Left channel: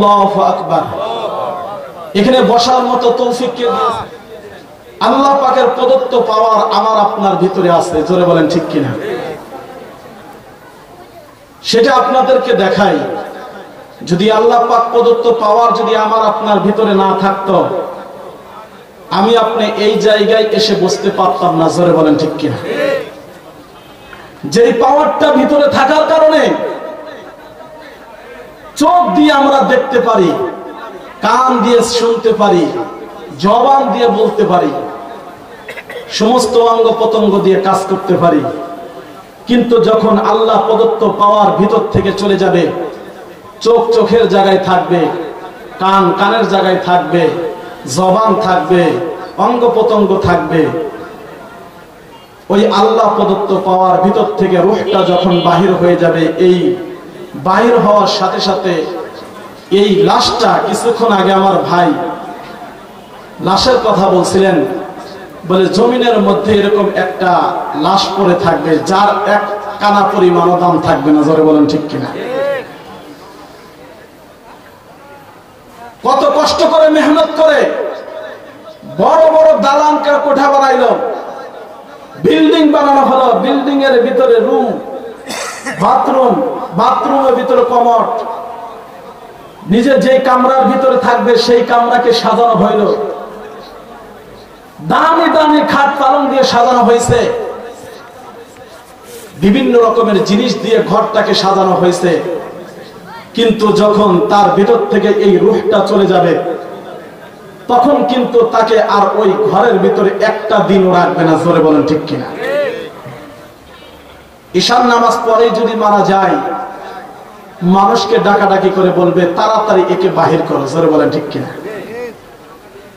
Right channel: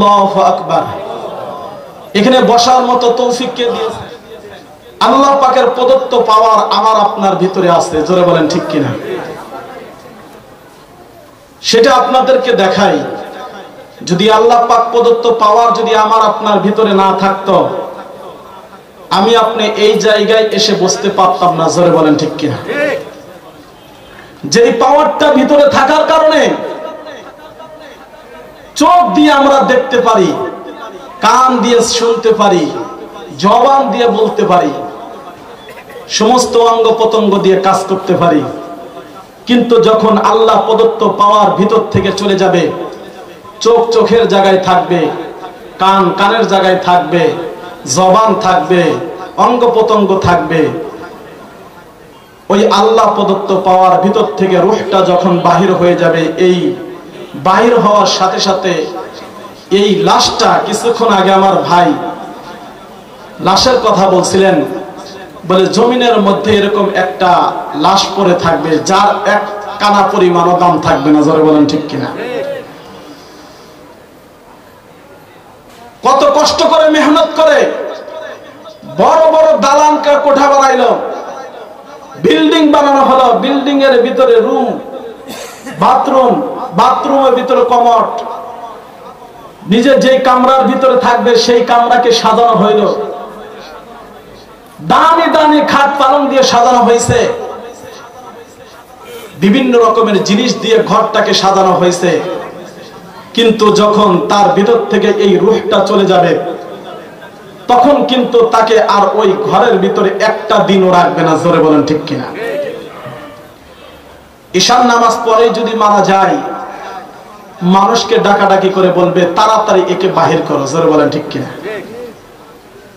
আল্লাহু আকবার। এখানে বসার মতো তৌফিক কে দিয়েছে? আল্লাহ পাকের প্রদত্ত পাওয়ার আমার আপনার ভিতরে আছে। জোরে বলেন ঠিক কিনা? সেটা আপনাদেরকে দেখাই। যদি আল্লাহ পাক প্রদত্ত পাওয়ার যদি আমার আপনার ভিতরে না থাকতো, আমি আপনি এই জায়গায় এসে বসতে পারতাম না। জোরে বলেন ঠিক কিনা? যে পাওয়ারটা ভিতরে থাকার কারণে চোখ দিয়ে আমরা দেখতে পারি, কান দিয়ে শুনতে পারি, জবান দিয়ে বলতে পারি, সমস্ত অঙ্গ প্রত্যঙ্গ দিয়ে কাজ করতে পারি। কিন্তু যখন আল্লাহ প্রদত্ত পাওয়ার ভিতর থেকে চলে যাবে, চোখ চোখের জায়গায় থাকবে, কান কানের জায়গায় থাকবে, জবান থাকবে, অঙ্গ প্রত্যঙ্গ থাকবে, ওই আল্লাহ প্রদত্ত পাওয়ার ভিতর থেকে রূহটা যখন বাহির হয়ে যাবে, এই বাহির হওয়ার সাথে সাথে এই লাশটা, কিছুক্ষণ আগে আমার ভাই লাশের কথা বলছিলেন, বলে জমিনের মধ্যে এরকম একটা লাশ পড়ে থাকবে যার এক কানা পরিমাণও দাম থাকবে না। জোরে বলেন ঠিক কিনা? কত কষ্ট করে মেহনত করে বড় বড় দালান কোঠা বানাইলো, বিল্ডিং বানানো হলো, বিল্ডিং এর ভিতরে রুম, বাথরুম, বাথরুমের ভিতরে কমোড, নিজে যে কামরার ভিতরে থাকবে সেই কামরাকে সাজানো হইল, দামি দামি খাট পালং দিয়ে সাজানো হয়েছে, বিভিন্ন রকমের জিনিস দিয়ে ঘরটাকে সাজানো হয়েছে। কিন্তু যখন তার ভিতর থেকে এই রূহটা চলে যাবে, তখন কিন্তু তাকে আর ওই ঘরের ভিতরে একটা দিনও রাখবে না। জোরে বলেন ঠিক কিনা? ঈশার নামাজ পরে যদি মারা যায়, মানুষকে ডাকাডাকি করে বলবে তাড়াতাড়ি একে বাহির করো। জোরে বলেন ঠিক কিনা?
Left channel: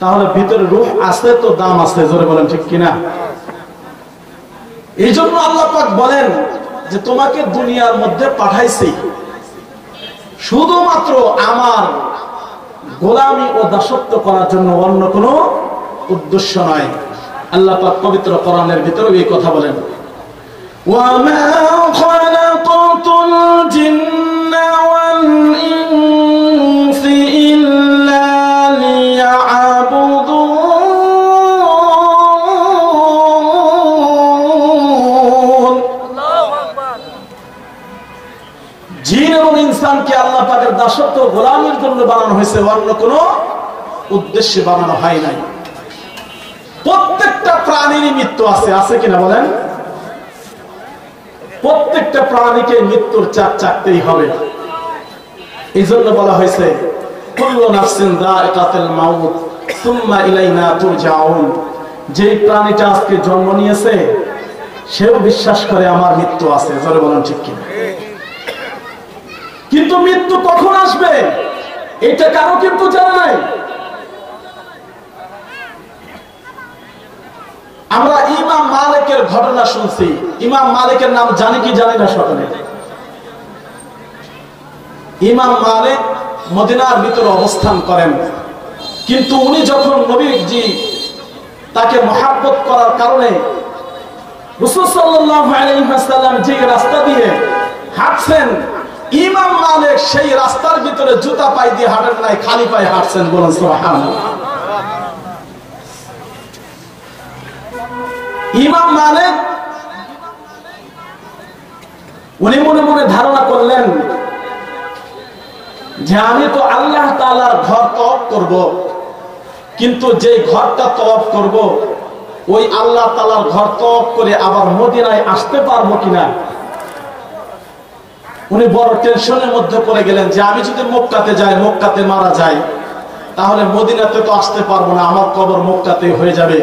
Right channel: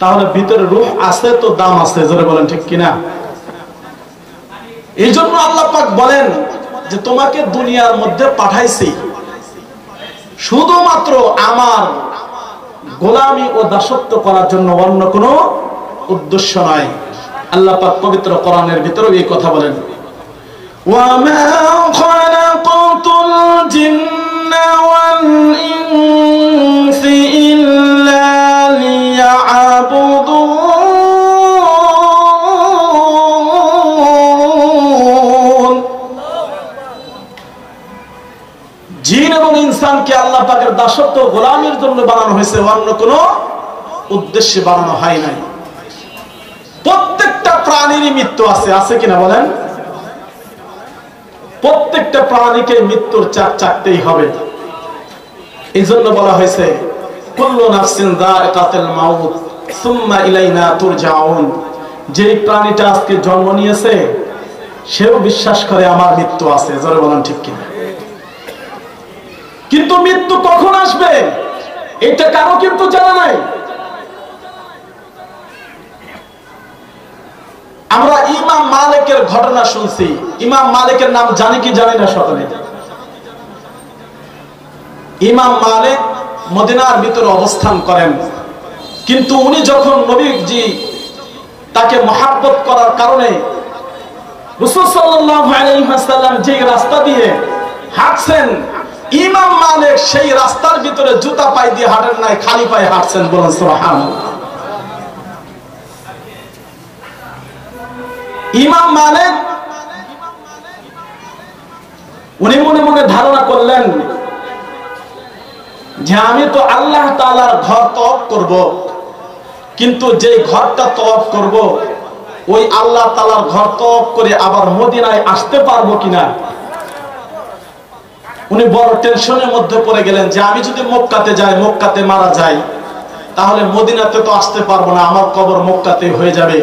তাহলে ভিতরে রূহ আছে তো দাম আছে। জোরে বলেন ঠিক কিনা? এই জন্য আল্লাহ পাক বলেন যে তোমাকে দুনিয়ার মধ্যে পাঠাইছি শুধুমাত্র আমার গোলামি ও দাসত্ব করার জন্য, অন্য কোনো উদ্দেশ্য নয়। আল্লাহ পাক পবিত্র কোরআনের ভিতরে এই কথা বলেন, ওয়ামা খালাকাতুল জিন্না ওয়াল ইনসা ইল্লা লিয়াবুদুন। জিন এবং ইনসানকে আল্লাহ পাকের দাসত্ব গোলামির জন্য বানানো হয়েছে, অন্য কোনো উদ্দেশ্যে বানানো হয় নাই। প্রত্যেকটা প্রাণীরই মৃত্যু আছে, আছে কিনা বলেন? প্রত্যেকটা প্রাণীকে মৃত্যুর চাকতেই হবে। এই জন্য বলা হয়েছে কুল্লু নাফসিন যায়কাতুল মাউত সুম্মা ইলাইনা তুরজাউন। যে প্রাণীটা আজকে জন্ম নিয়েছে সেও বিশ্বাস করে আমার মৃত্যু আছে। জোরে বলেন ঠিক কিনা? কিন্তু মৃত্যু কখন আসবে এটা কারো কিন্তু জানা নাই। আমরা ইমাম মালিকের ঘটনা শুনছি। ইমাম মালিকের নাম জানি কি জানি না সকলে? ইমাম মালিক মদিনার ভিতরে অবস্থান করেন, কিন্তু উনি যখন নবীজি তাকে মহব্বত করার কারণে রাসূল সাল্লাল্লাহু আলাইহি ওয়াসাল্লাম যে রাস্তা দিয়ে হাঁটছেন, ইমাম মালিক সেই রাস্তার ভিতরে জুতা পায়ে দিয়ে হাঁটেন নাই, খালি পায়ে হাঁটছেন। বলুন সুবহানাল্লাহ। ইমাম মালিক উনি মনে মনে ধারণা করলেন যে আমি তো আল্লাহ তাআলার ঘর তওয়াফ করব, কিন্তু যে ঘরটা তওয়াফ করব ওই আল্লাহ তাআলার ঘর তওয়াফ করে আবার মদিনায় আসতে পারবো কিনা। উনি বড় টেনশনের মধ্যে পড়ে গেলেন যে আমি যদি মক্কাতে যাই, মক্কাতে মারা যাই, তাহলে মদিনাতে তো আসতে পারবো না, আমার কবর মক্কাতে হয়ে যাবে।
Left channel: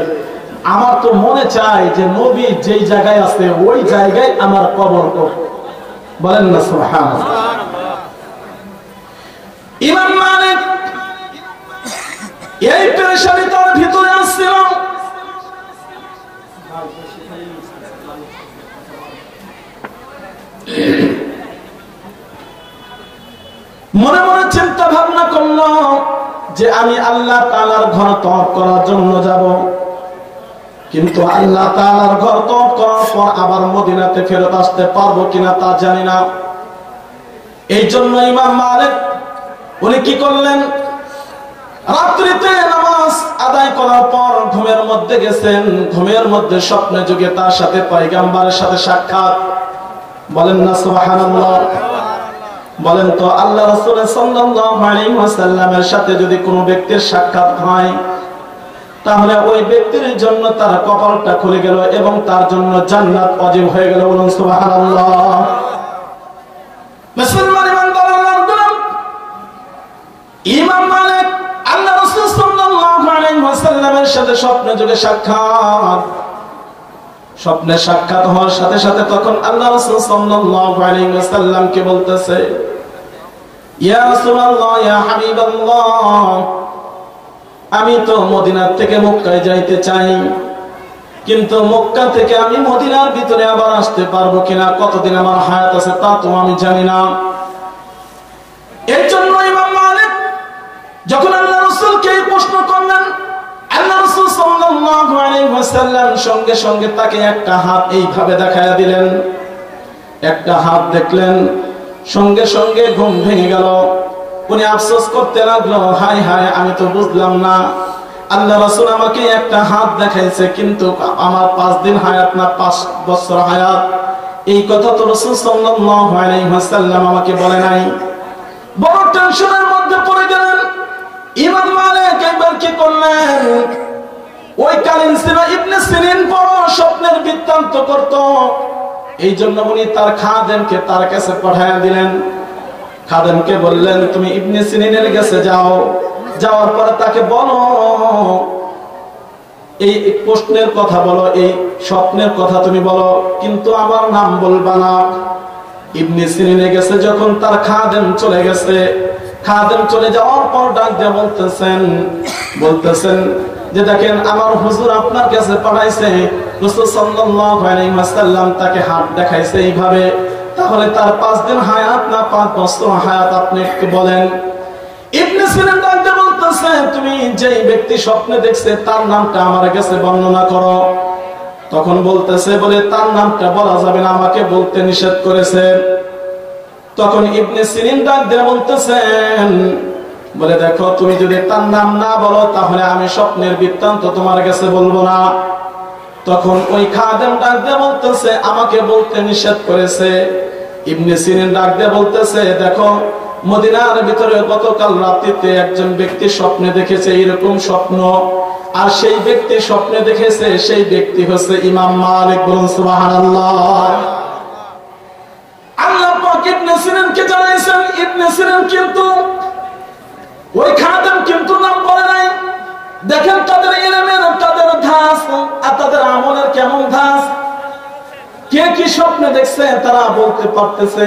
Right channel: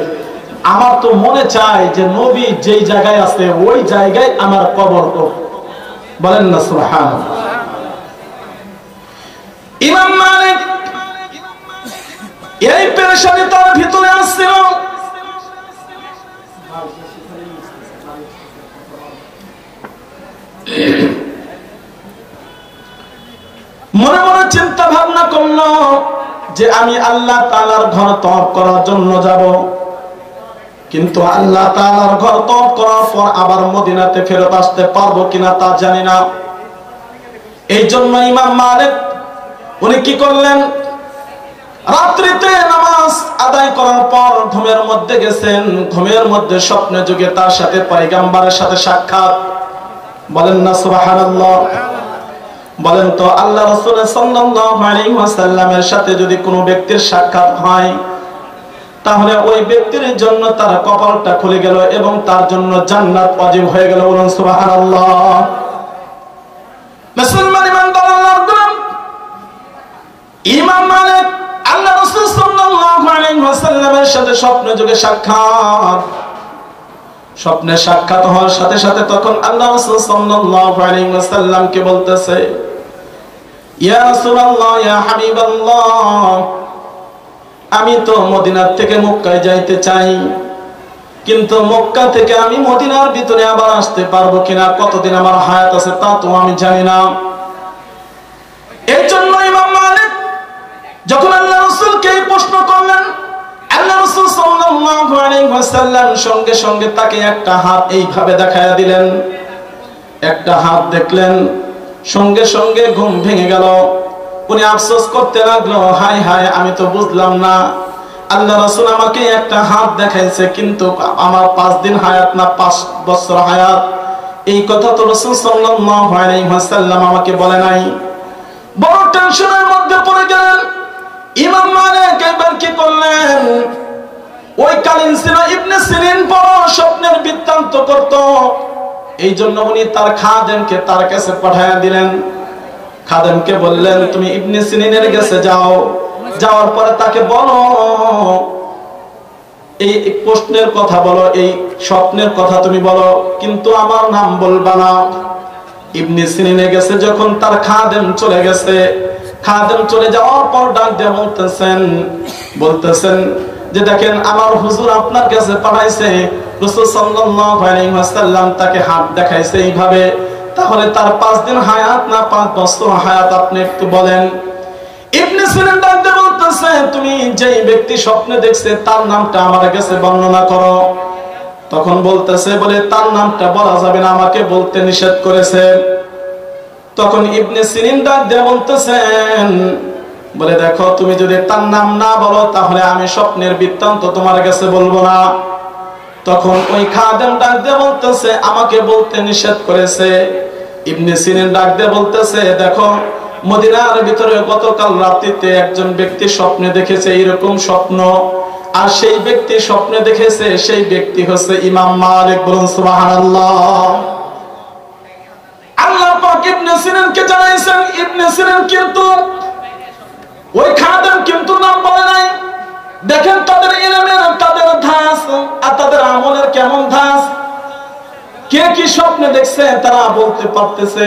আমার তো মনে চায় যে নবী যেই জায়গায় আছে ওই জায়গায় আমার কবর। বলেন না সুবহানাল্লাহ। ইমাম মালিক এই পেরেশানি তার ভিতরে আসছিল। মনে মনে চিন্তা ভাবনা করল যে আমি আল্লাহ তাআলার ঘর তওয়াফ করার জন্য যাব, কিন্তু আল্লাহ তাআলার ঘর তওয়াফ করার পর আবার মদিনাতে ফেরত আসতে পারবো কিনা তা জানি না। এই জন্য ইমাম মালিক উনি কি করলেন, রাত্রিতে নামাজ আদায় করার পর ঘুমের মধ্যে গেছেন। ঘুমের মধ্যে স্বপ্নে যুগে তার সাথে পয়গম্বরের সাথে সাক্ষাৎ। বলেন না সুবহানাল্লাহ। বলেন তো আল্লাহ রাসূল সাল্লাল্লাহু আলাইহি ওয়াসাল্লামের সাথে যদি কোনো ব্যক্তির সাক্ষাৎ হয়, তাহলে ওই ব্যক্তির জন্য তার কপালটা খুলে গেল এবং তার জন্য জান্নাত ওয়াজিব হয়ে গেল। বলুন সুবহানাল্লাহ। মুসলমান ইমানদার আল্লাহর গোলাম ইমাম মালিক আল্লাহ রাসূল সাল্লাল্লাহু আলাইহি ওয়াসাল্লামের সাথে স্বপ্নে যুগে সাক্ষাৎ। স্বপ্নে সাক্ষাৎ হওয়ার সাথে সাথে তখন আল্লাহ রাসূল সাল্লাল্লাহু আলাইহি ওয়াসাল্লামকে বলতেছে, ইয়া রাসূলুল্লাহ, ইয়া হাবিবাল্লাহ, আমি তো মদিনার থেকে মক্কায় যাইতে চাই, কিন্তু মক্কা থেকে আমি মদিনার ভিতরে আবার আসতে পারবো কিনা, কতদিন আমার হায়াত আছে তা তো আমি জানি না। এর জন্য ইমাম মালিক যখন আল্লাহ রাসূলকে এই প্রশ্ন করলেন, আল্লাহ রাসূল সাল্লাল্লাহু আলাইহি ওয়াসাল্লাম সঙ্গে সঙ্গে তাকে একটা হাত এইভাবে দেখায়া দিলেন। একটা হাত দেখলেন, সঙ্গে সঙ্গে ঘুম ভেঙে গেল। উনি আফসোস করতে লাগলো, হায় হায়, আমি তো বুঝলাম না, আল্লাহ রাসূল আমাকে একটা হাত দেখাইছে, কিন্তু আমার 5 দিন হায়াত না 5 বছর হায়াত, এই কথা তো রাসূল সাল্লাল্লাহু আলাইহি ওয়াসাল্লাম আমাকে বলে নাই। বড় টেনশনের মধ্যে পড়ে গেলেন। ইমাম মালিক এবার কি করলেন, ওই কালীন সিনা ইবনে সিরিন বড় স্বপ্নের বৃত্তান্ত করত, এই জন্য উনি তার খাদেমকে তার কাছে পাঠায়া দিলেন। খাদেমকে বললেন, তুমি ইবনে সিরিনের কাছে যাও, যাওয়ার পরে তাকে বলো, এই প্রশ্নের কথা বলো, এই স্বপ্নের কথা তুমি বলো, কিন্তু আমার নাম বলবা না। ইবনে সিরিনে গেছে যখন তার খাদেম চলে গেছে, খাদেম চলে যাওয়ার পর ডাক দিয়ে বলতেছেন যে দেখেন, আমার হুজুর আপনার কাছে পাঠাইছে, রাসূল সাল্লাল্লাহু আলাইহি ওয়াসাল্লাম তাকে হাত দেখাইছে এইভাবে, তাহলে তার 5 দিন হায়াত না 5 বছর হায়াত, আপনি একটু বলেন। ইবনে সিরিন ডাক দিয়ে বলতেছে, তুমি যেই ব্যক্তি স্বপ্নে দেখছে তার নামটা আমার কাছে বর্ণনা করো। তখন বলতেছে, বলে তার নামটা বলা যাবে না, আমাকে বলতে নিষেধ করেছে। তখন ইবনে সিরিন ডাক দিয়ে বলতেছেন, বলে দেখো, তুমি যদি তার নাম না বলো তাহলে আমি স্বপ্নের বৃত্তান্ত তোমার কাছে বলবো না। তখন ওই খাদেম ডাক দিয়ে বলতেছে, আমাকে বলতে নিষেধ করেছে। ইবনে সিরিন ডাক দিয়ে বলতেছে, দেখো, মদিনার ভিতরে গতকাল রাত্রিতে একজন ব্যক্তি স্বপ্নে দেখেছে এরকম স্বপ্ন, আর সেই ব্যক্তি স্বপ্নে দেখেছে সেই ব্যক্তি হচ্ছে ইমাম মালিক। বলুন সুবহানাল্লাহ। আল্লাহ পাক ইবনে সিরিনকে জানাইছেন, ইবনে সিরিন কিন্তু ওই খাদেম কিন্তু নাম বলে নাই। দেখেন তাদের ইলমের, তাদের ধাস আর তাদের আমলের কেমন ধাস, কে কি স্বপ্নে দেখছে তারা বলতে পারতেছে।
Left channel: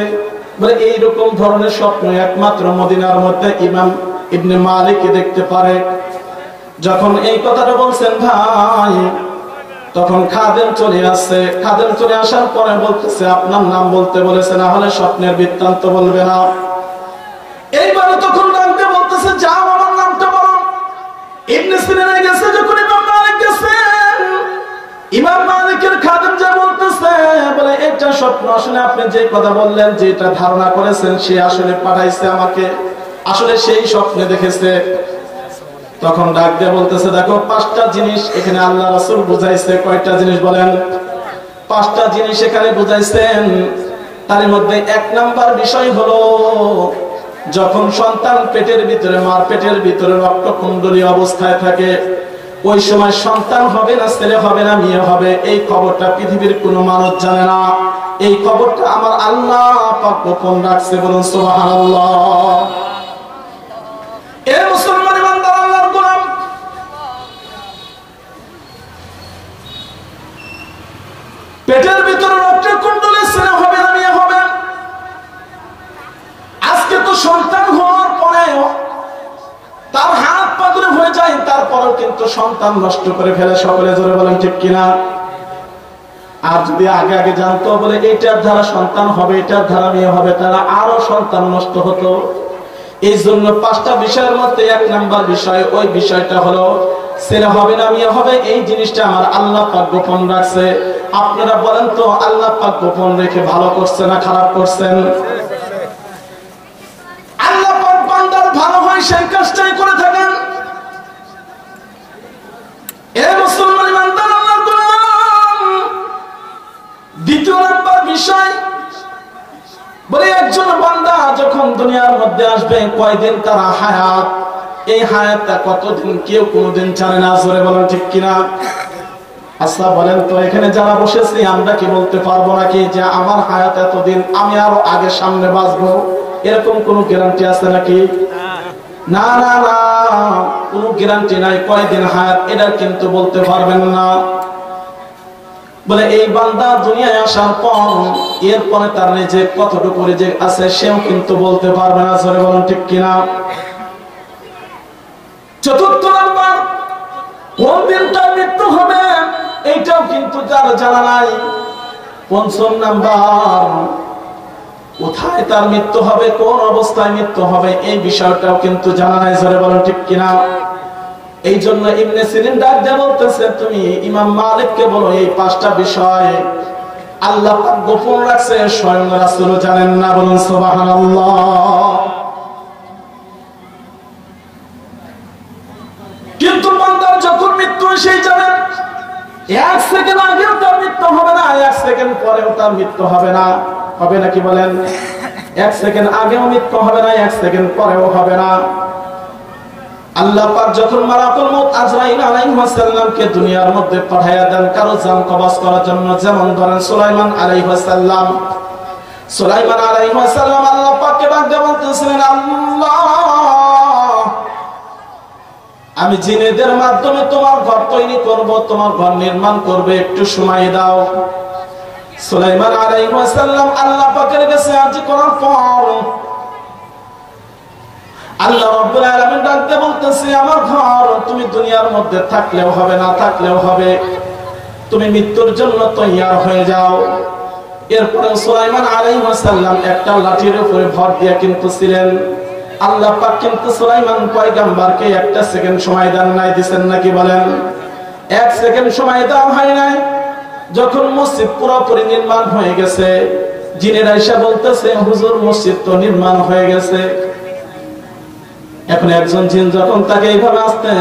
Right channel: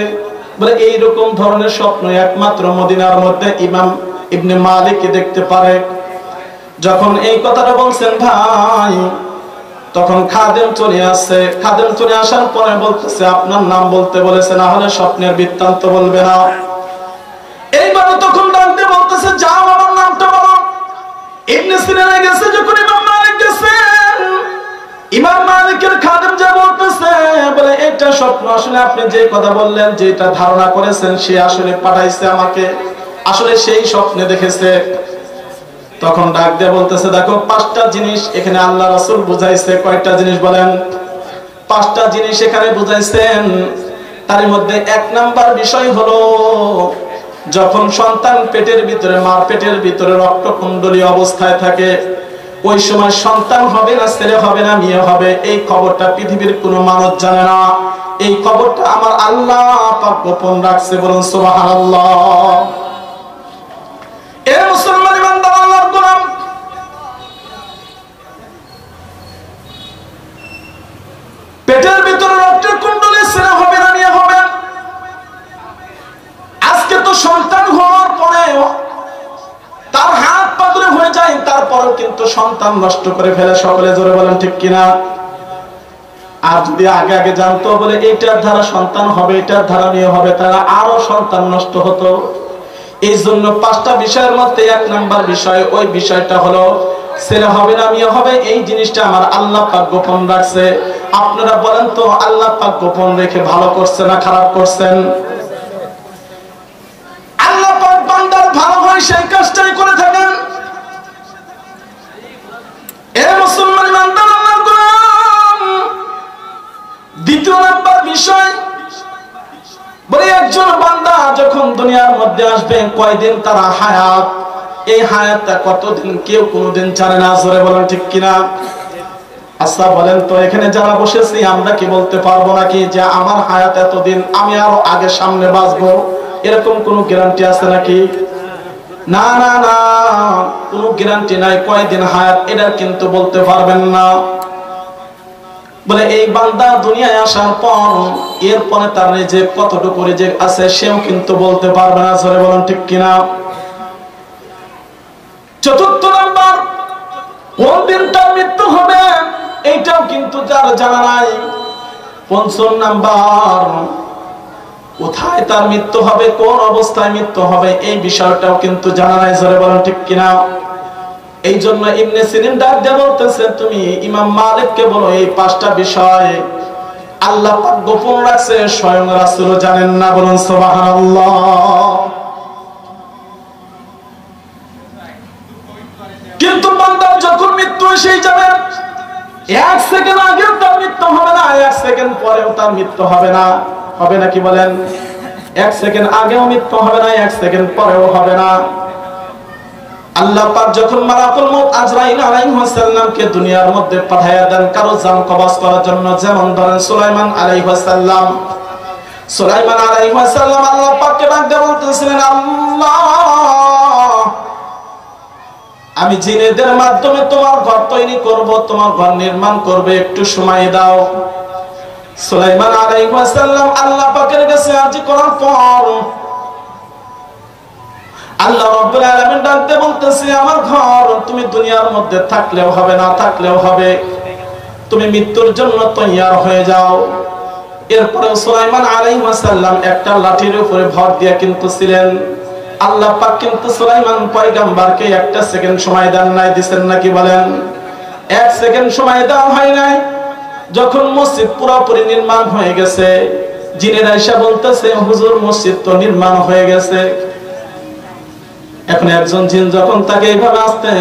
বলে এইরকম ধরনের স্বপ্ন একমাত্র মদিনার মধ্যে ইমাম ইবনে মালিক দেখতে পারে। যখন এই কথাটা বলছেন ভাই, তখন খাদেম চলে আসছে। খাদেম চলে আসার পরে বলতেছে, আপনার নাম বলতে বলেছে, না হলে স্বপ্নের বৃত্তান্ত বলবে না। এইবারে তখন ডাকতে বলতেছে, যাও আমার নামটা বলো। ইবনে সিরিনে গেছে যখন ইমাম মালিক গেছেন, ইমাম মালিকের খাদেম যা বলতেছে, বলে এটা স্বপ্ন, আসলে আপনি যে কথা বললেন, যেটা ধারণা করেছেন, সে আসলে পাঠাইছে আমাকে, আসলে সেই স্বপ্নে দেখেছে। তখন ডাক দিয়ে বলতেছে, দেখো, 5টা জিনিস এখানে আল্লাহ রাসূল বুঝাইছে। কয়টা জিনিস বলেন? 5টা জিনিস এখানে বুঝাইছেন। তার মধ্যে 1 নাম্বার বিষয় হলো, যখন সন্তান পেটের ভিতরে, মার পেটের ভিতরে রক্তকুণ্ডলী অবস্থায় থাকে, ওই সময় সন্তান হবে না ছেলে হবে না মেয়ে হবে, এই খবরটা পৃথিবীর কোনো মানুষ জানে না। এই খবরটা আমার আল্লাহ পাক গোপন রাখছে। বলুন সুবহানাল্লাহ। এ মুসলমান ইমানদার আল্লাহর গোলাম, পেটের ভিতরে রক্তের কুণ্ডলী ছেলে হবে না মেয়ে হবে। আজকে তো সন্তান হওয়ার পরে তার হাত পাদুরে হয়ে যায়, তারপরেও কিন্তু সন্তান নষ্ট করে ফেলে। সকলে জোরে বলেন ঠিক কিনা? আর যদি আগে আগে জানতো, বলে এটার দ্বারা সন্তান হবে, এটার দ্বারা মেয়ে হবে, তারা আরো সন্তান নষ্ট হতো। এই জন্য 5টা বিষয়ের মধ্যে 1 নাম্বার বিষয়, ওই বিষয়টা হলো ছেলে হবে না মেয়ে হবে, এই জিনিসটা আমার আল্লাহ পাক গোপন রাখছে। আপনারা বলেন তো, আল্লাহ পাক গোপন রেখে ভালো করছে না খারাপ করছেন? আল্লাহ পাক বান্দার ভালো দুনিয়ার মধ্যে আসবে, কয়দিন তারা হায়াত, এই হায়াতটা কতদিন কেউ কোনোদিন জানে না। জোরে বলেন ঠিক কিনা? আচ্ছা বলেন তো, এখানে যারা বসেছি আমরা কি বলতে পারবো নাকি যে আমার হায়াত এতদিন, আমি আরো আগে সামনে বাঁচবো? এরকম কোন গ্যারান্টি আছে নাকি? না না না, কোনো গ্যারান্টি নাই। কয়দিন হায়াত এটা কিন্তু বলতে পারবেন না। বলে এই বান্দা দুনিয়ায় আসার পর এরপরে তার রিজিক কতটুকু রিজিক আছে সেও কিন্তু বলতে পারবে না। জোরে বলেন ঠিক কিনা? চতুর্থ নাম্বার, কোন দিন তার মৃত্যু হবে এইটাও কিন্তু তার জানা নাই। পঞ্চম নাম্বার, কোথায় তার মৃত্যু হবে, কোন অবস্থায় মৃত্যু হবে এই বিষয়টাও কিন্তু জানা নাই। জোরে বলেন ঠিক কিনা? এই জন্য ইবনে সিরিন ডাক দিয়ে বলতেছে, তুমি ইমাম মালিককে বলো এই পাঁচটা বিষয় আল্লাহ পাক গোপন রাখছে, স্বয়ং রাসূলও জানেন না। বলুন সুবহানাল্লাহ। কিন্তু বান্দা যখন মৃত্যু এসে যাবে, এক সেকেন্ড আগে তার মৃত্যু হবে না, এক সেকেন্ড পরেও তার মৃত্যু হবে না। হবে নাকি বলেন? এক সেকেন্ড আগেও মৃত্যু হবে না, এক সেকেন্ড পরেও হবে না। আল্লাহ পাক যখন মালাকুল মউত আজরাইল আলাইহিস সালামকে দুনিয়ার মধ্যে পাঠায়া দেন কারো জান কবজ করার জন্য, যেমন ধরেন সুলাইমান আলাইহিস সালাম, সুলাইমান আলাইহিস সালাম আল্লাহ পাককে ডাক দিয়ে বলতেছিলেন, আল্লাহ আমি জিনেদের মাধ্যমে তোমার ঘর তৈরি করব, তোমার ঘর নির্মাণ করবে, একটু সময় দাও। সুলাইমান আলাইহিস সালাম আল্লাহ পাকের কাছে আরজি করার পর আল্লাহ রাব্বুল আলামিন ডাকতে বলতেছে, আমার ঘর তুমি দুনিয়ার মধ্যে থাকলেও হবে না থাকলেও হবে, তুমি মৃত্যুর জন্য তৈয়ার হয়ে যাও। এরপরে সুলাইমান আলাইহিস সালাম একটা লাঠির উপরে ভর দিয়ে কিন্তু ছিলেন। আল্লাহ পাক কিন্তু সুলাইমান পয়গম্বরকে একটা সেকেন্ড সময় দেন নাই, দিবেন নাকি বলেন? এক সেকেন্ড সময় দেওয়া হয় নাই। যখন মসজিদ পুরোপুরি নির্মাণ হয়ে গেছে, জিনেরা এসে বলতেছে, হুজুর মসজিদ তো নির্মাণ হয়ে গেছে। এখন একজন জিন যখন তাকে এইভাবে আসতে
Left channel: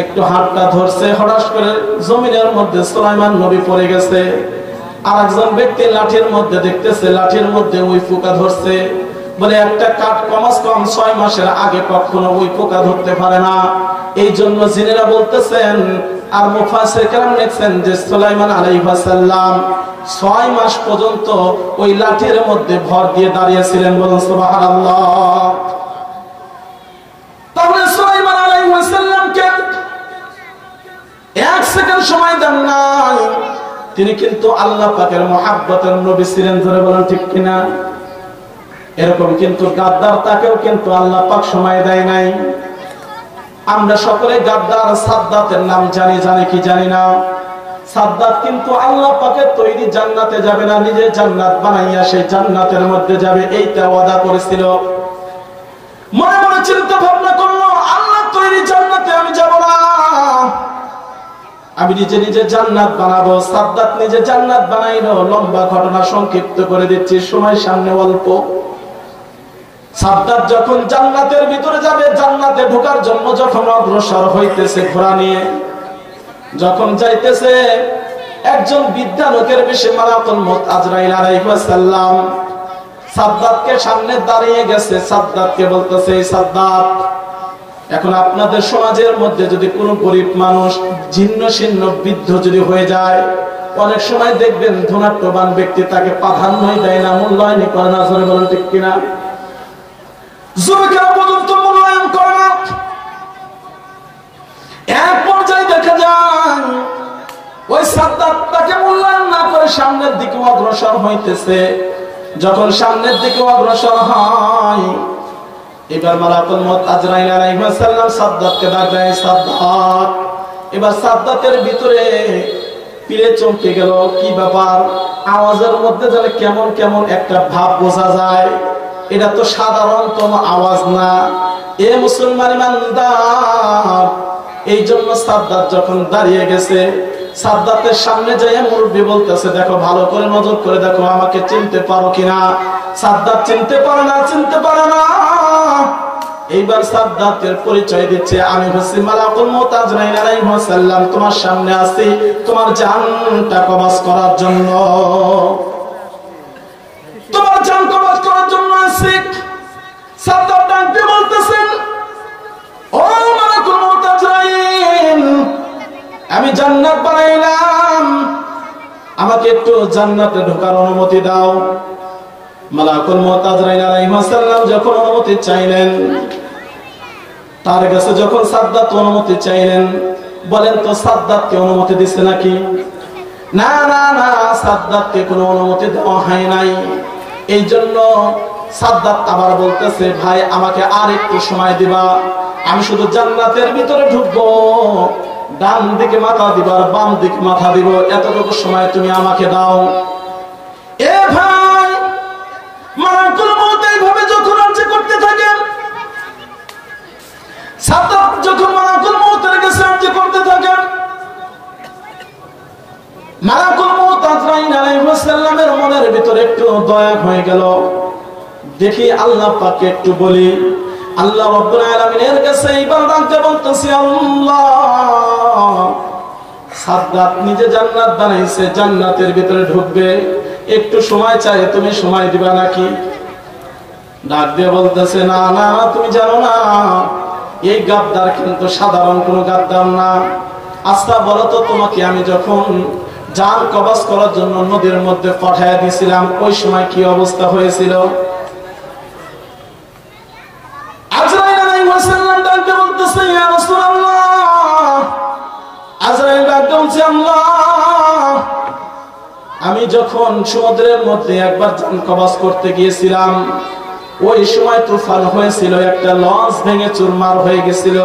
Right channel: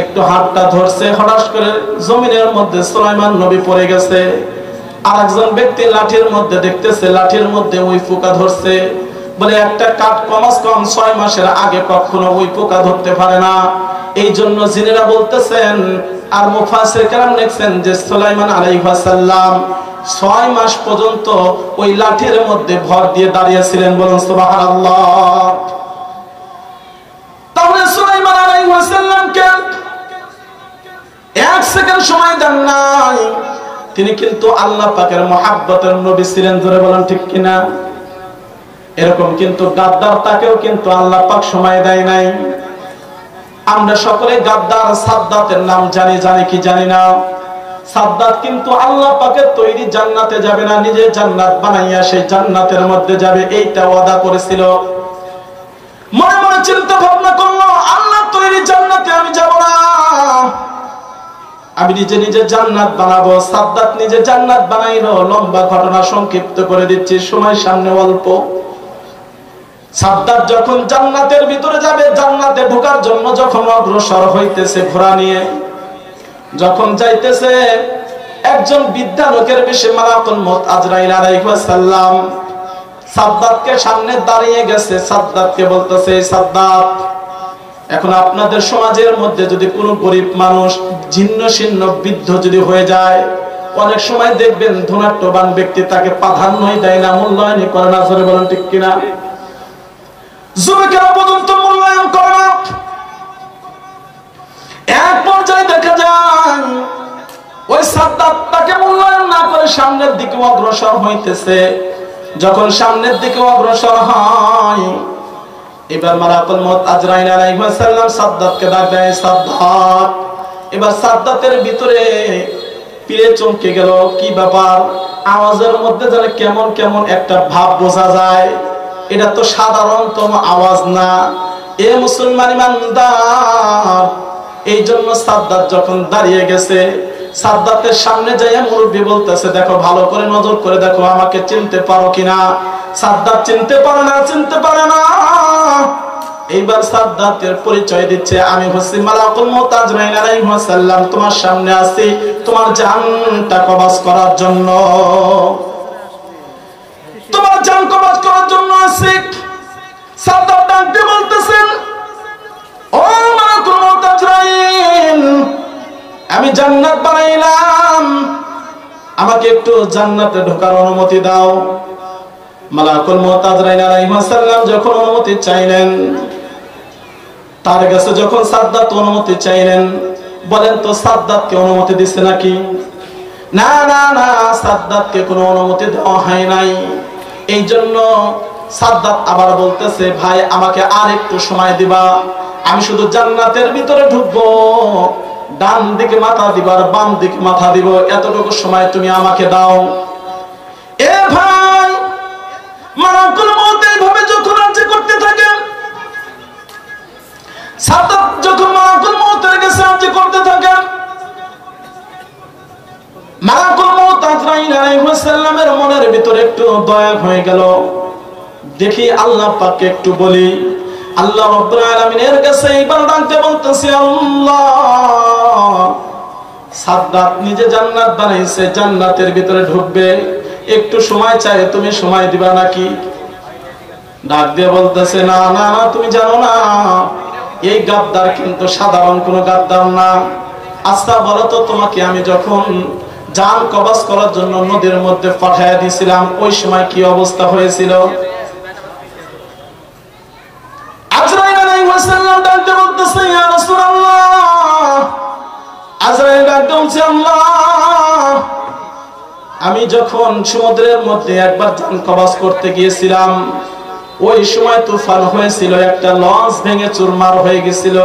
একটু হাতটা ধরছে, হঠাৎ করে জমিনের মধ্যে সুলাইমান নবী পড়ে গেছে। আর একজন ব্যক্তি লাঠির মধ্যে দেখতেছে, লাঠির মধ্যে ওই পোকা ধরছে। বলে একটা কাঠ কমাস কম 6 মাসের আগে কখনো ওই পোকা ধরতে পারে না। এই জন্য জিনেরা বলতেছেন, আর মুফাসসির কেরাম লিখছেন যে সুলাইমান আলাইহিস সালাম 6 মাস পর্যন্ত ওই লাঠির মধ্যে ভর দিয়ে দাঁড়িয়েছিলেন। বলুন সুবহানাল্লাহ। তাহলে সুলাইমান আলাইহিস সালামকে এক সেকেন্ড সময় দেন নাই। তিনি কিন্তু আল্লাহ পাকের মহব্বতের নবী ছিলেন। ধরে বলেন ঠিক কিনা? এরকম কিন্তু গাদ্দার, তাকেও কিন্তু আল্লাহ পাক সময় দেয় নাই। আমরা সকলে গাদ্দার সাদ্দাতের নাম জানি, জানি কি জানি না? সাদ্দাত কিন্তু আল্লাহ পাকের তৈরি জান্নাতে যাবে না, নিজে জান্নাত বানাইয়া সেই জান্নাতের মধ্যে যাবে, এইটা ওয়াদা করেছিল। মনে মনে চিন্তা ভাবনা করলো, আল্লাহ তৈরি জান্নাতে আমি যাব না, আমি নিজে নিজে জান্নাত বানাবো। সাদ্দাত নিজে জান্নাত বানাইলো। লম্বা ঘটনা সংক্ষিপ্ত করে দিচ্ছি, সময় সামনে অল্প। সাদ্দাত যখন জান্নাতের ভিতরে যাবে, জান্নাতে ঢোকার জন্য যখন অগ্রসর হইতেছে ঘোড়া নিয়ে, যখন যাইতেছে, একজন বৃদ্ধা লোকের বেশে মালাকুল মউত আজরাইল আলাইহিস সালাম সাদ্দাতকে সামনে দাঁড়িয়ে গেছে। সাদ্দাতকে বলতেছে, সাদ্দাত, এখন আপনাদের সমাজের মধ্যে যদি কোনো গরিব মানুষ জীর্ণ শীর্ণ বৃদ্ধ যদি হয়ে যায়, অনেক সময় দেখবেন ধনাঢ্যবান ব্যক্তি তাকে প্রাধান্যই দেয় না, মূল্যায়নই করে না। জোরে বলেন ঠিক কিনা? যুবকেরা পর্যন্ত মূল্যায়ন করে না। এক পর্যায়ে দেখা যায় ওই সাদ্দাত তাকে মূল্যায়ন না করে সামনের দিকে অগ্রসর হইতেছে। যখন সামনের দিকে অগ্রসর হয়, এবার মালাকুল মউত আজরাইল আলাইহিস সালাম সাদ্দাতকে ডাকে, সাদ্দাত। এবার সাদ্দাতের ভিতরে পিলে চমকে গেল, কি ব্যাপার? আওয়াজের মধ্যে যেন কেমন কেমন একটা ভাব বোঝা যায়। এটা তো সাধারণতম আওয়াজ না, এ মুসলমান ইমানদার। এই জন্য সাদ্দাত যখন দাঁড়িয়ে গেছে, সাদ্দাতের সামনে যাইয়া মুরব্বি বলতেছে, দেখো ভালো করে নজর করে দেখো, আমাকে চিনতে পারো কিনা? সাদ্দাত চিনতে পারে না, চিনতে পারে না। এইবার সাদ্দাতের পরিচয় দিচ্ছে, আমি হচ্ছি মালাকুল মউত আজরাইল আলাইহিস সালাম, তোমার সামনে আছি তোমার জানটা কবজ করার জন্য, তোমার জান কবজ করার জন্য আছি। সাদ্দাত ডাকতে বলতেছেন, ও মালাকুল মউত আজরাইল, আমি জান্নাত বানাইলাম, আমাকে একটু জান্নাতে ঢোকার অনুমতি দাও। মালাকুল মউত আজরাইল আলাইহিস সালাম যখন অনুমতি চাইলেন, তার কাছে যখন সাদ্দাত অনুমতি চাইলেন, বলেন তো সাদ্দাতকে অনুমতি দিছে নাকি? না না না, সাদ্দাতকে কোনো অনুমতি দেওয়া হয় নাই। এই জন্য সাদ্দাত আবার বলতেছে, ভাই আমাকে আর একটু সময় দিবা, আমি শুধু জান্নাতের ভিতরে ঢুকবো, ডান দিকে মাথা দিব আর বাম দিকে মাথা দিব, এতটুকু সময় তুমি আমাকে দাও। এ ভাই, মালাকুল মউত এইভাবে যখন রাজি করতে থাকে, সাদ্দাত যখন মালাকুল মউতের কাছে রাজি করতে থাকে, মালাকুল মউত আজরাইল আলাইহিস সালামের মনের ভিতরে একটু দয়া হয়ে গেল। দেখি আল্লাহ পাককে একটু বলি। আল্লাহ রাব্বুল আলামিনের কাছে এইবার ডাকতে বলতেছি, আল্লাহ, সাদ্দাত নিজে জান্নাত বানাইছে, জান্নাতের ভিতরে ঢুকবে, একটু সময় চাই, তুমি সময় দিবা নাকি? ডাক দিয়ে বলতেছে, না না, তুমি জানো না এই গাদ্দার কিন্তু সাধারণ কোনো গাদ্দার না। আচ্ছা বলো তো, তোমাকে আমি যখন জান কবজ করার জন্য নদীর মধ্যে পাঠাইয়া দিয়েছিলাম, ওই সময় কি অবস্থা হয়েছিল? আজরাইল আলাইহিস সালাম ডাকতে বলতেছে, ইয়া রাসূলুল্লাহ, আজরাইল ডাকতে বলছে, আল্লাহ, আমি যখন সমুদ্রের মধ্যে একবার জান কবজ করতে গিয়েছিলাম, ওই সময় তুফান হয়েছিল, একটা লঞ্চ ভেঙে চুরমার হয়ে গেছিল,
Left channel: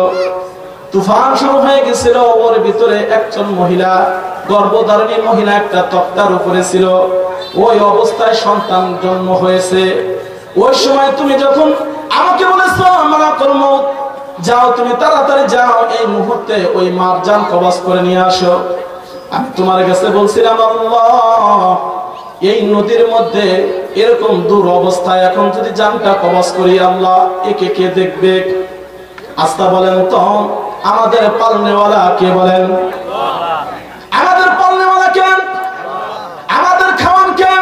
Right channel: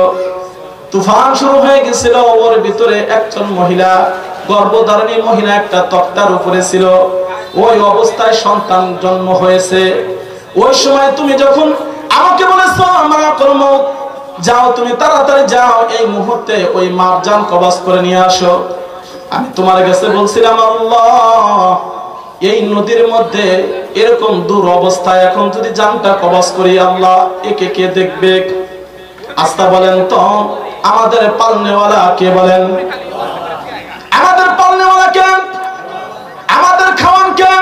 তুফান শুরু হয়ে গেছিল, ওর ভিতরে একজন মহিলা, গর্ভধারিণী মহিলা একটা তক্তার উপরে ছিল, ওই অবস্থায় সন্তান জন্ম হয়েছে। ওই সময় তুমি যখন আমাকে বলেছো, মালাকুল মউত, যাও, তুমি তাড়াতাড়ি যাও, এই মুহূর্তে ওই মার জান কবজ করে নিয়ে আসো। আমি তোমার কাছে বলছিলাম, আল্লাহ, এই নদীর মধ্যে এরকম দূর অবস্থায় এখন যদি জানটা কবজ করি, আল্লাহ, একে কে দেখবে? আস্তা বলেন তো, আমাদের পালনেওয়ালা কে? বলেন, আমাদের পালনেওয়ালা কে? আমাদের খাওয়ান কে?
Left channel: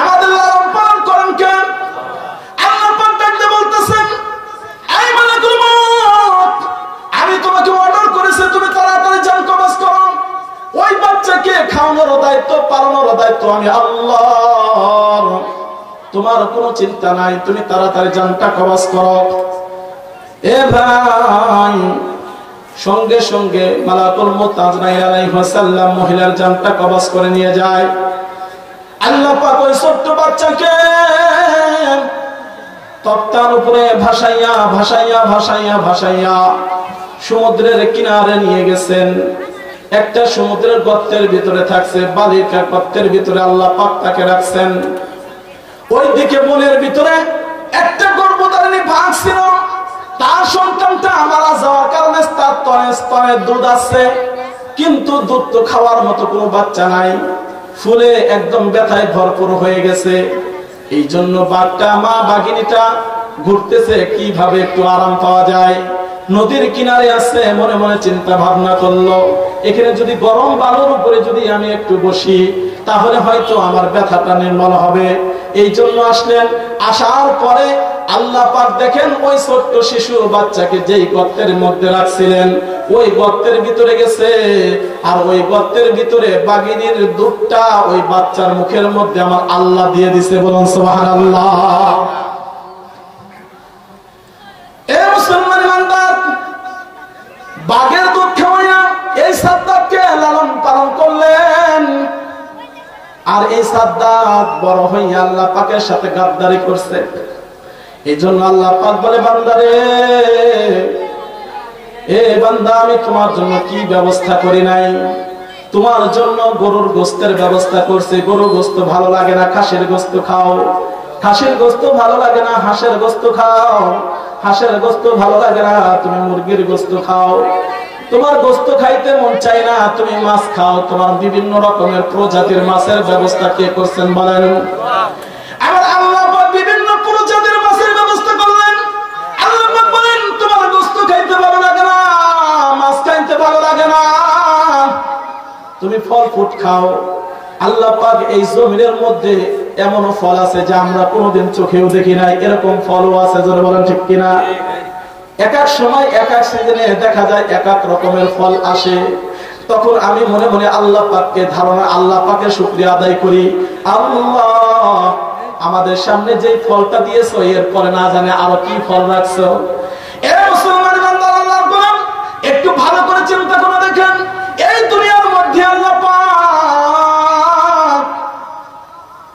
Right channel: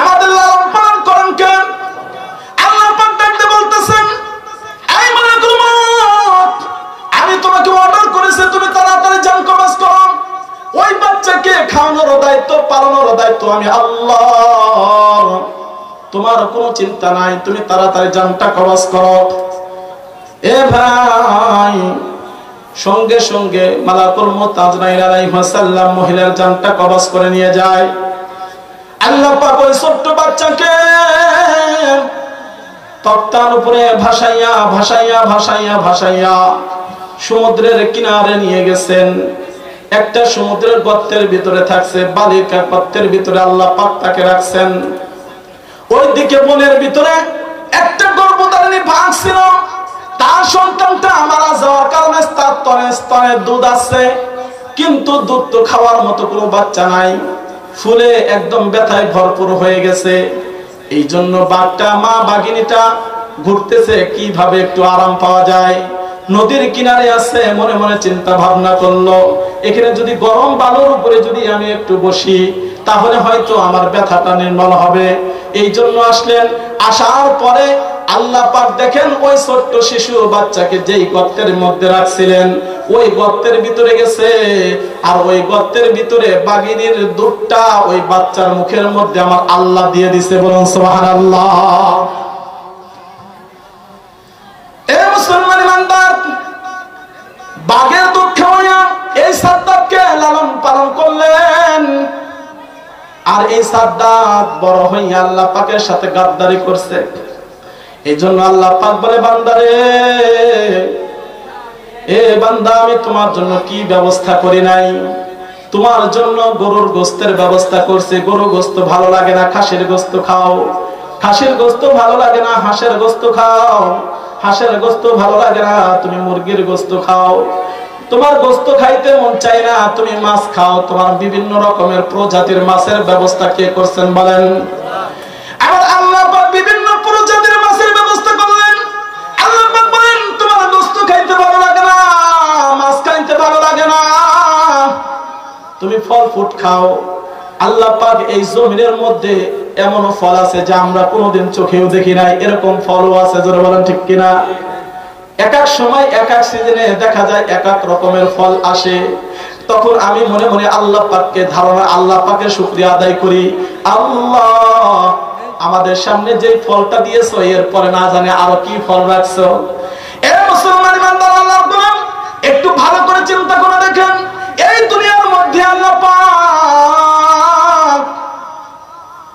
আমাদের লালন পালন করেন কে? আল্লাহ পাক ডাকতে বলতেছেন, এই মালাকুল মউত, আমি তোমাকে অর্ডার করেছি, তুমি তাড়াতাড়ি জান কবজ করো। ওই বাচ্চাকে খাওয়ানোর দায়িত্ব, পালনের দায়িত্ব আমি আল্লাহ, তোমার কোনো চিন্তা নাই, তুমি তাড়াতাড়ি জানটা কবজ করো। এ ভাই, সঙ্গে সঙ্গে মালাকুল মউত আজরাইল আলাইহিস সালাম মহিলার জানটা কবজ করে নিয়ে যায়। আল্লাহ পাক ওই ছোট্ট বাচ্চাকে তক্তার উপরে ভাসাইয়া ভাসাইয়া ভাসাইয়া ভাসাইয়া সমুদ্রের কিনারে নিয়ে গেছেন। একটা সমুদ্রের গর্তের ভিতরে থাকছে, বালির গর্তের ভিতরে আল্লাহ পাক তাকে রাখছেন। ওইদিকে বনের ভিতরে একটা গর্ভধারিণী বাঘ ছিল, তার সন্তানটা মারা যাওয়ার কারণে তার স্তনে স্তনে দুধ আছে, কিন্তু দুধ তো খাওয়ার মতো কোনো বাচ্চা নাই, ফুলে একদম ব্যথায় ভরপুর হয়ে গেছে। এই জন্য বাঘটা, মা বাঘিনীটা ঘুরতেছে কিভাবে একটু আরাম পাওয়া যায়। নদীর কিনারে আছে, মনে মনে চিন্তা ভাবনা করলো, এখানে যদি গরম বালুর উপরে যদি আমি একটু বসি, তাহলে হয়তো আমার ব্যথাটা নির্মল হবে। এই জন্য আসলেন। আসার পরে আল্লাহ পাক দেখেন ওই ছোট্ট শিশু বাচ্চাকে যেই গর্তের মধ্যে রাখছিলেন, ওই গর্তের ভিতরে গেছে, আর ওই গর্তের ভিতরে বাঘিনীর দুধটা ওই বাচ্চার মুখের মধ্যে আমার আল্লাহ দিয়ে দিছে। বলুন সুবহানাল্লাহ। এ মুসলমান ইমানদার, বাঘের দুধ খাওয়াইয়া এই সাদ্দাতকে লালন পালন করলেন, আর এই সাদ্দাত বড় হইয়া আল্লাহ পাকের সাথে গাদ্দারি করছে। এই জন্য আল্লাহ পাক বলে, বান্দারে, এ বান্দা, আমি তোমার জন্য কি ব্যবস্থা করি নাই? তোমার জন্য গরুর গোস্তের ব্যবস্থা করছে। গরু গোস্ত ভালো লাগে না, খাসির গোস্ত খাও। খাসির গোস্ত ভালো লাগে না, হাঁসের গোস্ত খাও। হাঁসের গোস্ত ভালো লাগে না, তুমি মুরগির গোস্ত খাও। তোমার গোস্ত খাইতে মন চাই না, তুমি মাছ খাও। তোমার বিভিন্ন রকমের প্রজাতির মাছের ব্যবস্থা কে করছেন? বলেন। আবার আল্লাহ পাক বিভিন্ন প্রজাতির মাছের ব্যবস্থা করলেন। আল্লাহ পাক বলেন, তোমার গোস্ত খাইতে ভালো লাগে না, মাছ খাইতে ভালো লাগে না, তুমি ফল ফ্রুট খাও। আল্লাহ পাক এই জমিনের মধ্যে এমনও ফল আছে যা আমরা কোনোদিন চোখেও দেখি নাই, এরকম ফলও আছে, জোরে বলেন ঠিক কিনা? এক এক সময় এক এক সিজনে দেখা যায় এক এক রকমের ফল আসে। তখন আমি মনে মনে আল্লাহ পাককে ধারণা, আল্লাহ পাকের শুকরিয়া আদায় করি, আল্লাহ আমাদের সামনে যে ফলটা দিয়েছো এরপরে না জানে আরো কি ফল রাখছো। এ মুসলমান বান্দা, আল্লাহর গোলাম, একটু ভালো করে চিন্তা করে দেখেন, এই দুনিয়ার মধ্যে আল্লাহ পাক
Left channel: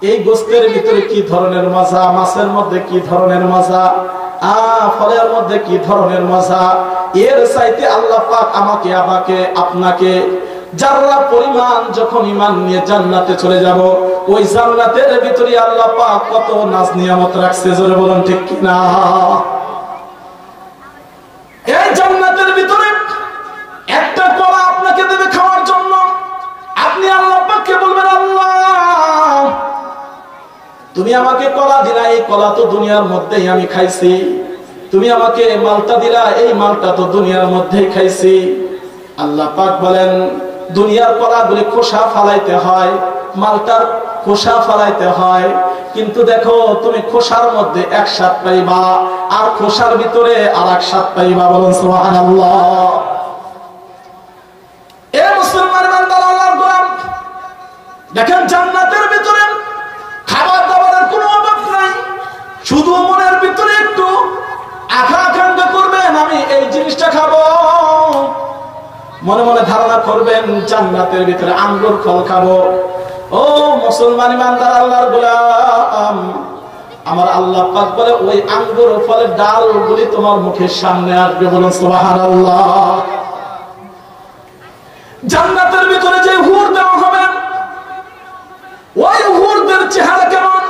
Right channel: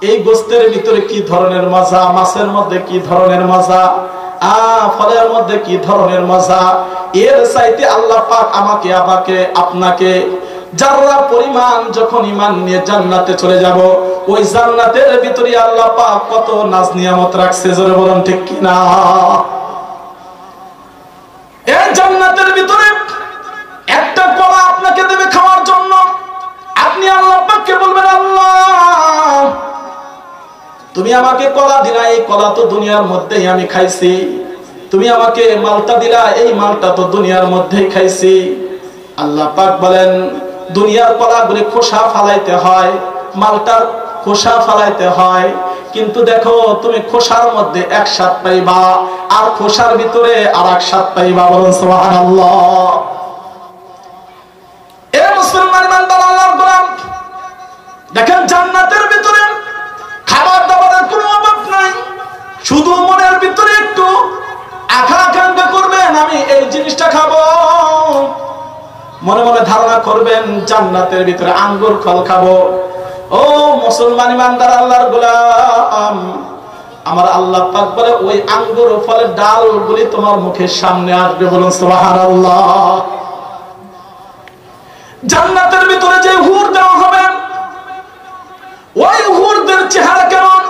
এই গোশতের ভিতরে কি ধরনের মজা, মাছের মধ্যে কি ধরনের মজা, ফলের মধ্যে কি ধরনের মজা, এর চাইতে আল্লাহ পাক আমাকে আপনাকে যারা পরিমাণ যখন ঈমান নিয়ে জান্নাতে চলে যাব, ওই জান্নাতের ভিতরে আল্লাহ পাক কত নাজ নিয়ামত রাখছে, জোরে বলুন ঠিক কিনা? এই জান্নাতের ভিতরে একটা কলা আপনাকে দেবে খাওয়ার জন্য। আপনি আল্লাহ পাককে বলবেন, আল্লাহ তুমি আমাকে কলা দিলা, এই কলা তো দুনিয়ার মধ্যেই আমি খাইছি। তুমি আমাকে মালটা দিলা, এই মালটা তো দুনিয়ার মধ্যেই খাইছি। আল্লাহ পাক বলেন, দুনিয়ার কলাগুলি খোসা ফালাইতে হয়, মালটার খোসা ফালাইতে হয়, কিন্তু দেখো তুমি খোসার মধ্যে এক স্বাদ পাইবা আর খোসার ভিতরে আর এক স্বাদ পাইবা। বলুন সুবহানাল্লাহ। এ মুসলমান বান্দা, আল্লাহর গোলাম, দেখেন জান্নাতের ভিতরে খাবার দাবারের কোনো অভাব নাই, শুধু মনের ভিতরে একটু আকাঙ্ক্ষা করবেন আমি এই জিনিসটা খাবো, মনে মনে ধারণা করবেন জান্নাতের ভিতরে আঙ্গুর ফল খাবো। ও মুসলমান ইমানদার আল্লাহর গোলাম, আমার আল্লাহ পাক বলে ওই আঙ্গুর ফলের ডালগুলি তোমার মুখের সামনে আসবে। বলুন সুবহানাল্লাহ। জান্নাতের ভিতরে যে হুর দেওয়া হবে, ওই হুরদের চেহারা কেমন?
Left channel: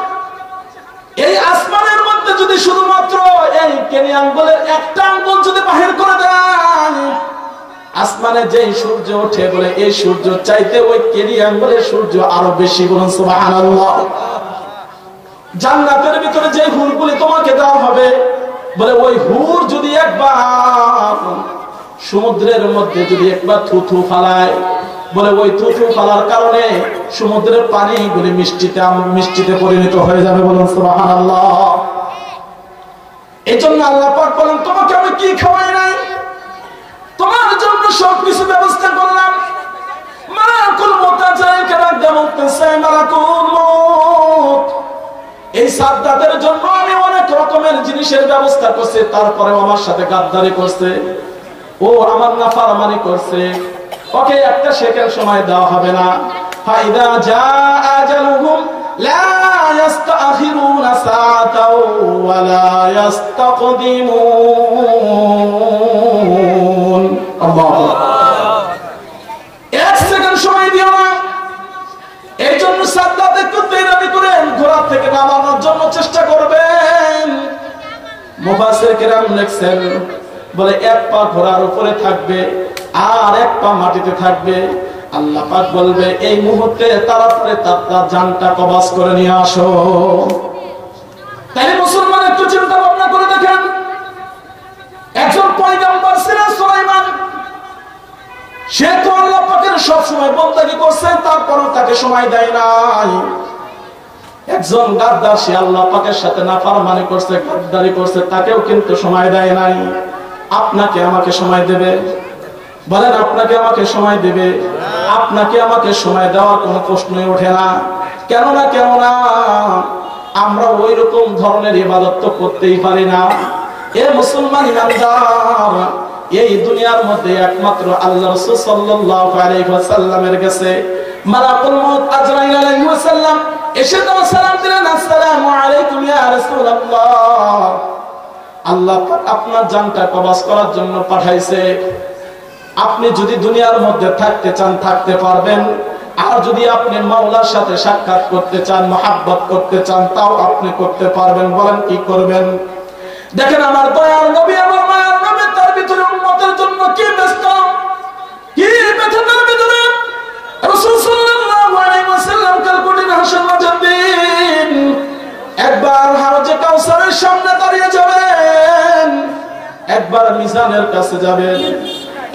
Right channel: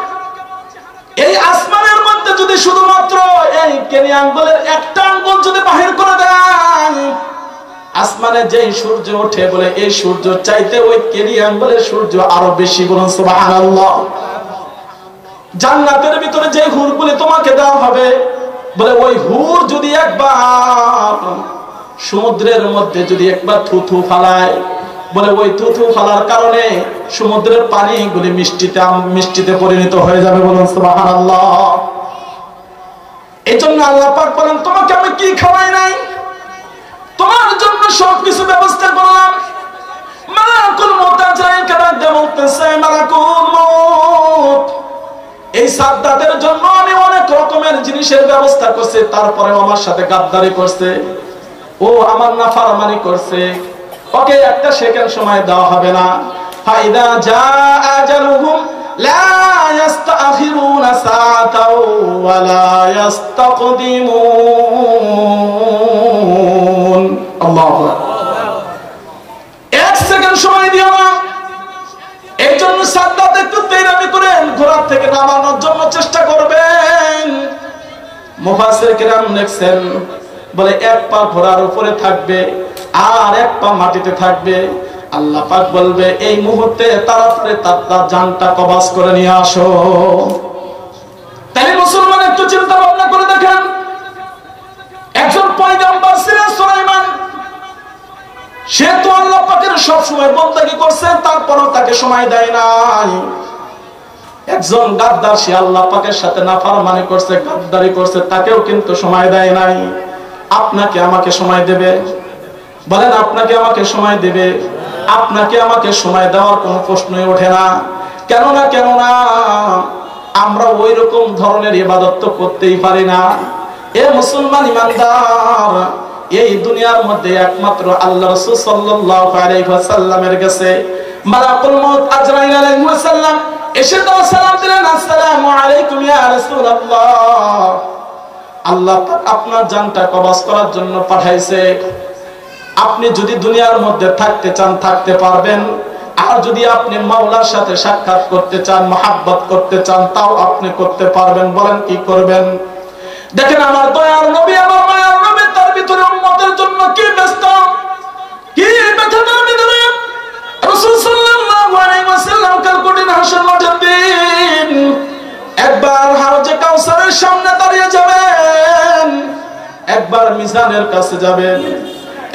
এই আসমানের মধ্যে যদি শুধুমাত্র এই কেনি আঙ্গুলের একটা আঙ্গুল যদি বাহির করে দেন, আসমানে যে সূর্য ওঠে বলে এই সূর্য চাইতে ওই কেনি আঙ্গুলের সূর্য আরো বেশি। বলুন সুবহানাল্লাহ। জান্নাতের ভিতরে যে হুরগুলি তোমাকে দেওয়া হবে, বলে ওই হুর যদি একবার সমুদ্রের মধ্যে যদি একবার থুথু ফালায়, বলে ওই থুথু ফালার কারণে সমুদ্রের পানিগুলি মিষ্টিতে পরিণত হয়ে যাবে। বলুন সুবহানাল্লাহ। এই জন্য আল্লাহ পাক বলেন, তোমাকে আমি কি খাওয়াই নাই, তোমার জন্য সবকিছু ব্যবস্থা করলাম। মালাকুল মউত বলতেছে, মালাকুল মউত এই সাদ্দাতের জন্য আমি অনেক রকমের জিনিসের ব্যবস্থা করছি, তারপরে আমার সাথে গাদ্দারি করছে, ও আমার নাফরমানি করছে, ওকে একটা সেকেন্ড সময় দেওয়া হবে না। ফাইদা জাআ আজালুহুম লা ইস্তাখিরুনা সাআতাও ওয়া লা ইস্তাকদিমুন। আল্লাহু আকবার। এক সেকেন্ড সময় দিও না। এই জন্য সাদ্দাত একটু তেরামি করেন, ঘোড়া থেকে নামানোর জন্য চেষ্টা করবেন। মুফাসসির কিরাম লিখছেন, বলে এক পা ঘোড়ার উপরে থাকবে আর এক পা মাটিতে থাকবে। আল্লাহ পাক বলবে, এই মুহূর্তে তাড়াতাড়ি তার জানটা কবজ করে নিয়ে আসো। তাই মুসলমান একটু চিন্তা ভাবনা করে দেখেন, একজন পয়গম্বর ছিলেন সুলাইমান, সে তো আল্লাহ পাকের সব সময় বন্দেগী করছে, তারপরও তাকে সময় দেয় নাই। একজন গাদ্দার, সে আল্লাহ পাকের সাথে নাফরমানি করছে, গাদ্দারি করছে, তাকেও কিন্তু সময় দেয় নাই। আপনাকে আমাকে সময় দেবে? বলেন, আপনাকে আমাকে সময় দেবে? আপনাকে আমাকে সময় দেওয়ার কোনো প্রশ্নই ওঠে না। কেননা আমরা ওই রকম ধরনের ইবাদত তো করতেই পারি না। এ মুসলমান ইমানদার, এই দুনিয়ার মধ্যে একমাত্র আল্লাহ রাসূল সাল্লাল্লাহু আলাইহি ওয়াসাল্লামের কাছে মালাকুল মউত আজরাইল আলাইহিস সালাম এসে তো সালাম দিলেন, আসসালামু আলাইকুম ইয়া রাসূলুল্লাহ, আল্লাহ আপনার জানটা কবজ করার জন্য পাঠাইছে। আপনি যদি দুনিয়ার মধ্যে থাকতে চান থাকতে পারবেন, আর যদি আপনি মাওলার সাথে সাক্ষাৎ করতে চান, মহব্বত করতে চান, তাও আপনি করতে পারবেন। বলেন কি করবেন? দেখেন আমার দয়ার নবী, আমার মায়ার নবী, তার ভিতরে উম্মতের জন্য কি ব্যস্ত, কি ব্যথার ভিতরে। রাসূল সাল্লাল্লাহু আলাইহি ওয়াসাল্লাম কাল কঠিন হাসর মাঠের দিন একবার হাউজে কাউসারের সামনে দাঁড়িয়ে যাবেন, একবার মিজানের কাছে যাবেন,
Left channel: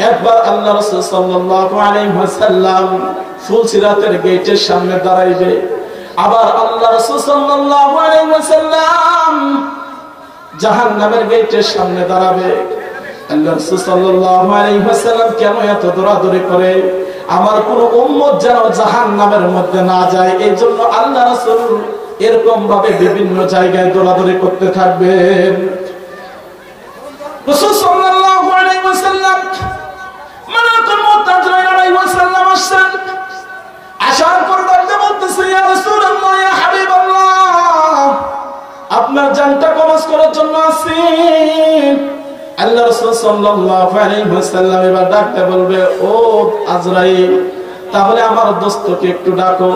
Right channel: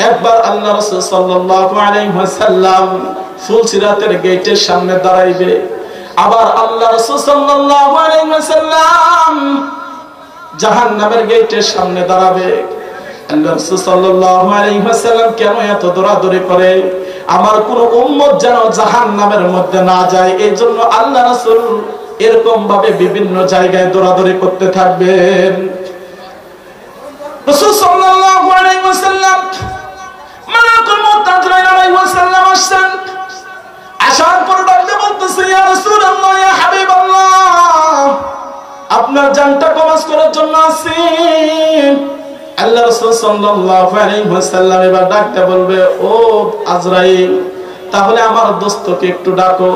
একবার আল্লাহ রাসূল সাল্লাল্লাহু আলাইহি ওয়াসাল্লাম ফুলসিরাতের গেটের সামনে দাঁড়াইবে। আবার আল্লাহ রাসূল সাল্লাল্লাহু আলাইহি ওয়াসাল্লাম জাহান্নামের গেটের সামনে দাঁড়াবে। আল্লাহ রাসূল সাল্লাল্লাহু আলাইহি ওয়াসাল্লাম কেন এত দৌড়াদৌড়ি করে? আমার কোন উম্মত যেন জাহান্নামের মধ্যে না যায়, এই জন্য আল্লাহ রাসূল এরকম ভাবে বিভিন্ন জায়গায় দৌড়াদৌড়ি করতে থাকবেন। রাসূল সাল্লাল্লাহু আলাইহি ওয়াসাল্লাম মালাকুল মউত আজরাইল আলাইহিস সালাম আসেন। আসার পর ডাকতে বলতেছে, ইয়া রাসূলুল্লাহ, ইয়া হাবিবাল্লাহ, আপনার জানটা কবজ করার জন্য আসি। আল্লাহ রাসূল সাল্লাল্লাহু আলাইহি ওয়াসাল্লাম এবার ডাকতে বলবে, ও আজরাইল, তাহলে আমার দোস্তকে একটু ডাকো।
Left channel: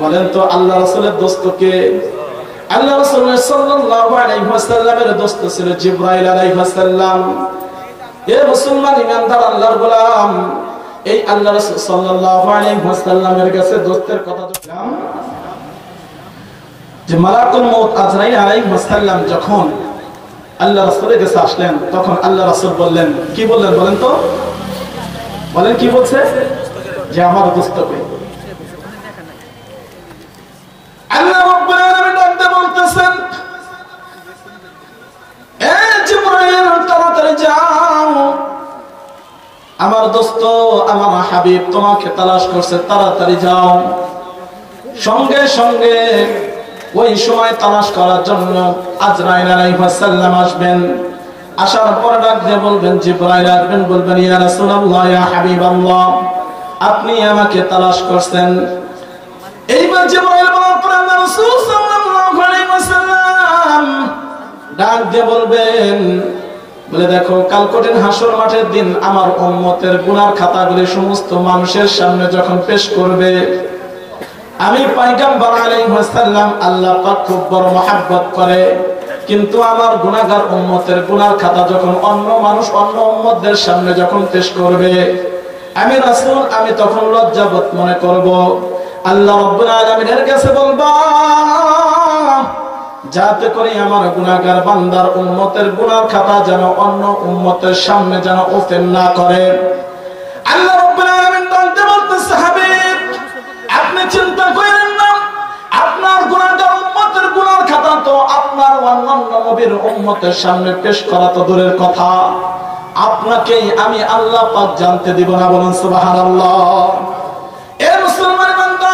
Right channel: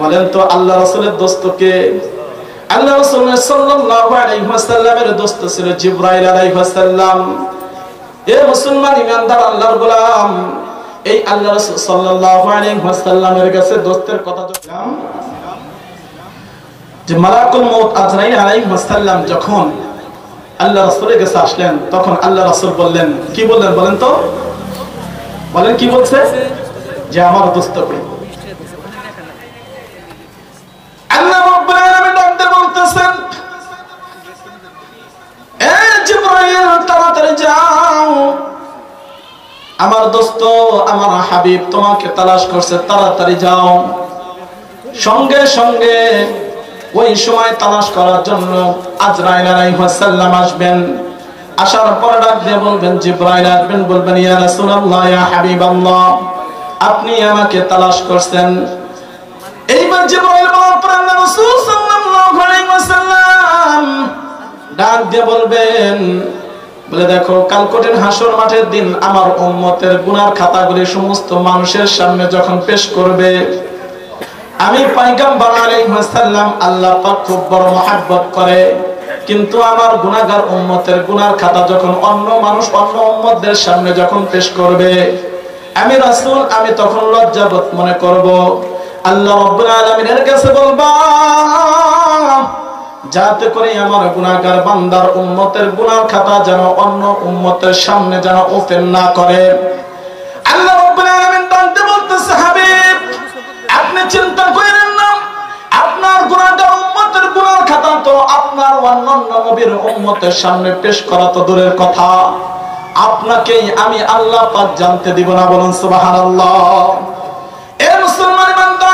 বলেন তো আল্লাহ রাসূলের দোস্তকে? আল্লাহ রাসূল সাল্লাল্লাহু আলাইহি ওয়াসাল্লামের দোস্ত ছিল জিবরাইল আলাইহিস সালাম। এ মুসলমান ইমানদার আল্লাহর গোলাম, এই আল্লাহ রাসূল সাল্লাল্লাহু আলাইহি ওয়াসাল্লামের কাছে দোস্তের কথা বললাম যে মালাকুল মউত আজরাইল আলাইহিস সালাম যখন আল্লাহ রাসূলের কাছে আসলেন, তখন আল্লাহ রাসূল বললেন, কি বললেন বলেন তো? বলেন কি বলছে? যে আমার দোস্তকে। আল্লাহ রাব্বুল আলামিন ডাকতে বলতেছেন, এ জিবরাইল, তাড়াতাড়ি যাও, আমার দোস্ত, আমার হাবিব তোমাকে তালাশ করছে, তাড়াতাড়ি যাও। সঙ্গে সঙ্গে ওই সময় তালাশ করার জন্য আজরাইল আলাইহিস সালাম আসবেন। আসার পর ডাক দিয়ে বলবেন, জিবরাইল আসবেন, বলবেন, ইয়া রাসূলুল্লাহ, ইয়া হাবিবাল্লাহ, আপনি আমাকে তালাশ করছেন। এইবার জিবরাইল বলার পর আল্লাহ রাসূল সাল্লাল্লাহু আলাইহি ওয়াসাল্লাম ডাক দিয়ে বলবেন, বলে দেখো, কাল কঠিন হাসর মাঠের দিন আমার উম্মতের গুনার খাতাগুলি সমস্ত মানুষের সামনে যখন পেশ করবে, আমি পয়গম্বর আলাইহিস সালাম আল্লাহ পাক খুব বড় মহব্বত করে, কিন্তু আমার গুনাহগার উম্মতের গুনার খাতা যখন অন্য মানুষ অন্য উম্মতদের সামনে যখন পেশ করবে, আমি রাসূল আমি তখন লজ্জাবোধ মনে করব। আল্লাহ রাব্বুল আলামিনের কাছে বলবা, যাতে করে আমার গুনাহগার বান্দার উম্মতের গুনার খাতা যেন অন্য উম্মতের সামনে যেন ওপেন না করে। আল্লাহ রাব্বুল আলামিন বলতে বলতেছে, হাবিব, আপনি চিন্তা করেন না, আপনার গুনাহগার উম্মতের গুনার খাতা তো আপনার অন্যান্য নবীর উম্মতের সামনে পেশ করা তো দূরের কথা, আপনাকেই আমি আল্লাহ পাক জানতে দিব না। বলুন সুবহানাল্লাহ। এ মুসলমান বান্দা,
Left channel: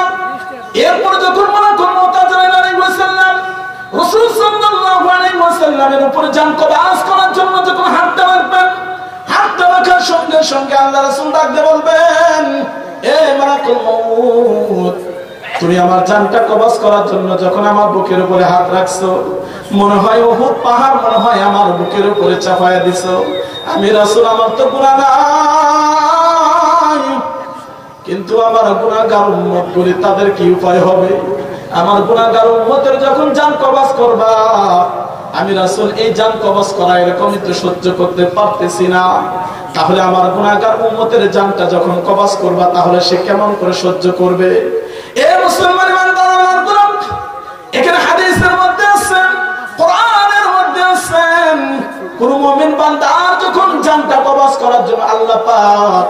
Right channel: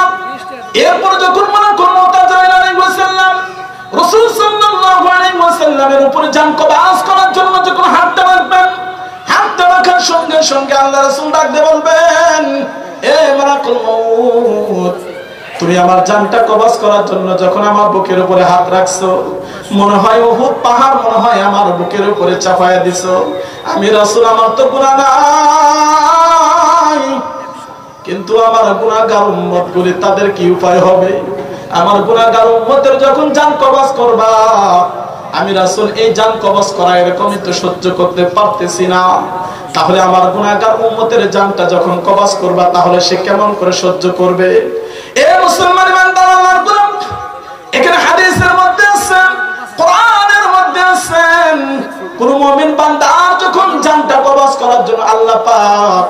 এরপর যখন মালাকুল মউত আজরাইল আলাইহিস সালাম রাসূল সাল্লাল্লাহু আলাইহি ওয়াসাল্লামের উপরে জান কবজ করার জন্য যখন হাতটা রাখবেন, হাতটা রাখার সঙ্গে সঙ্গে আল্লাহ রাসূল ডাকতে বলবেন, এ মালাকুল মউত, তুমি আমার জানটা কবজ করার জন্য যখন আমার বুকের উপরে হাত রাখছো, মনে হয় উহুদ পাহাড় মনে হয় আমার বুকের উপরে চাপায়া দিছো। আমি রাসূল, আমার তো গুনাহ নাই, কিন্তু আমার গুনাহগার উম্মতগুলি তাদের কি উপায় হবে? আমার গুনাহগার উম্মতের যখন জান কবজ করবা, আমি রাসূল এই জান কবজ করা এরকমই তো সহ্য করতে পারতেছি না। তাহলে আমার গুনাহগার উম্মতের জানটা যখন কবজ করবা, তাহলে সে কেমন করে সহ্য করবে? এ মুসলমান বান্দা, আল্লাহর গোলাম, এখানে হাদিসের মধ্যে আছে, কোরআনের মধ্যে আছে, কোন মুমিন বান্দা যখন জানটা কবজ করার জন্য আল্লাহ পাক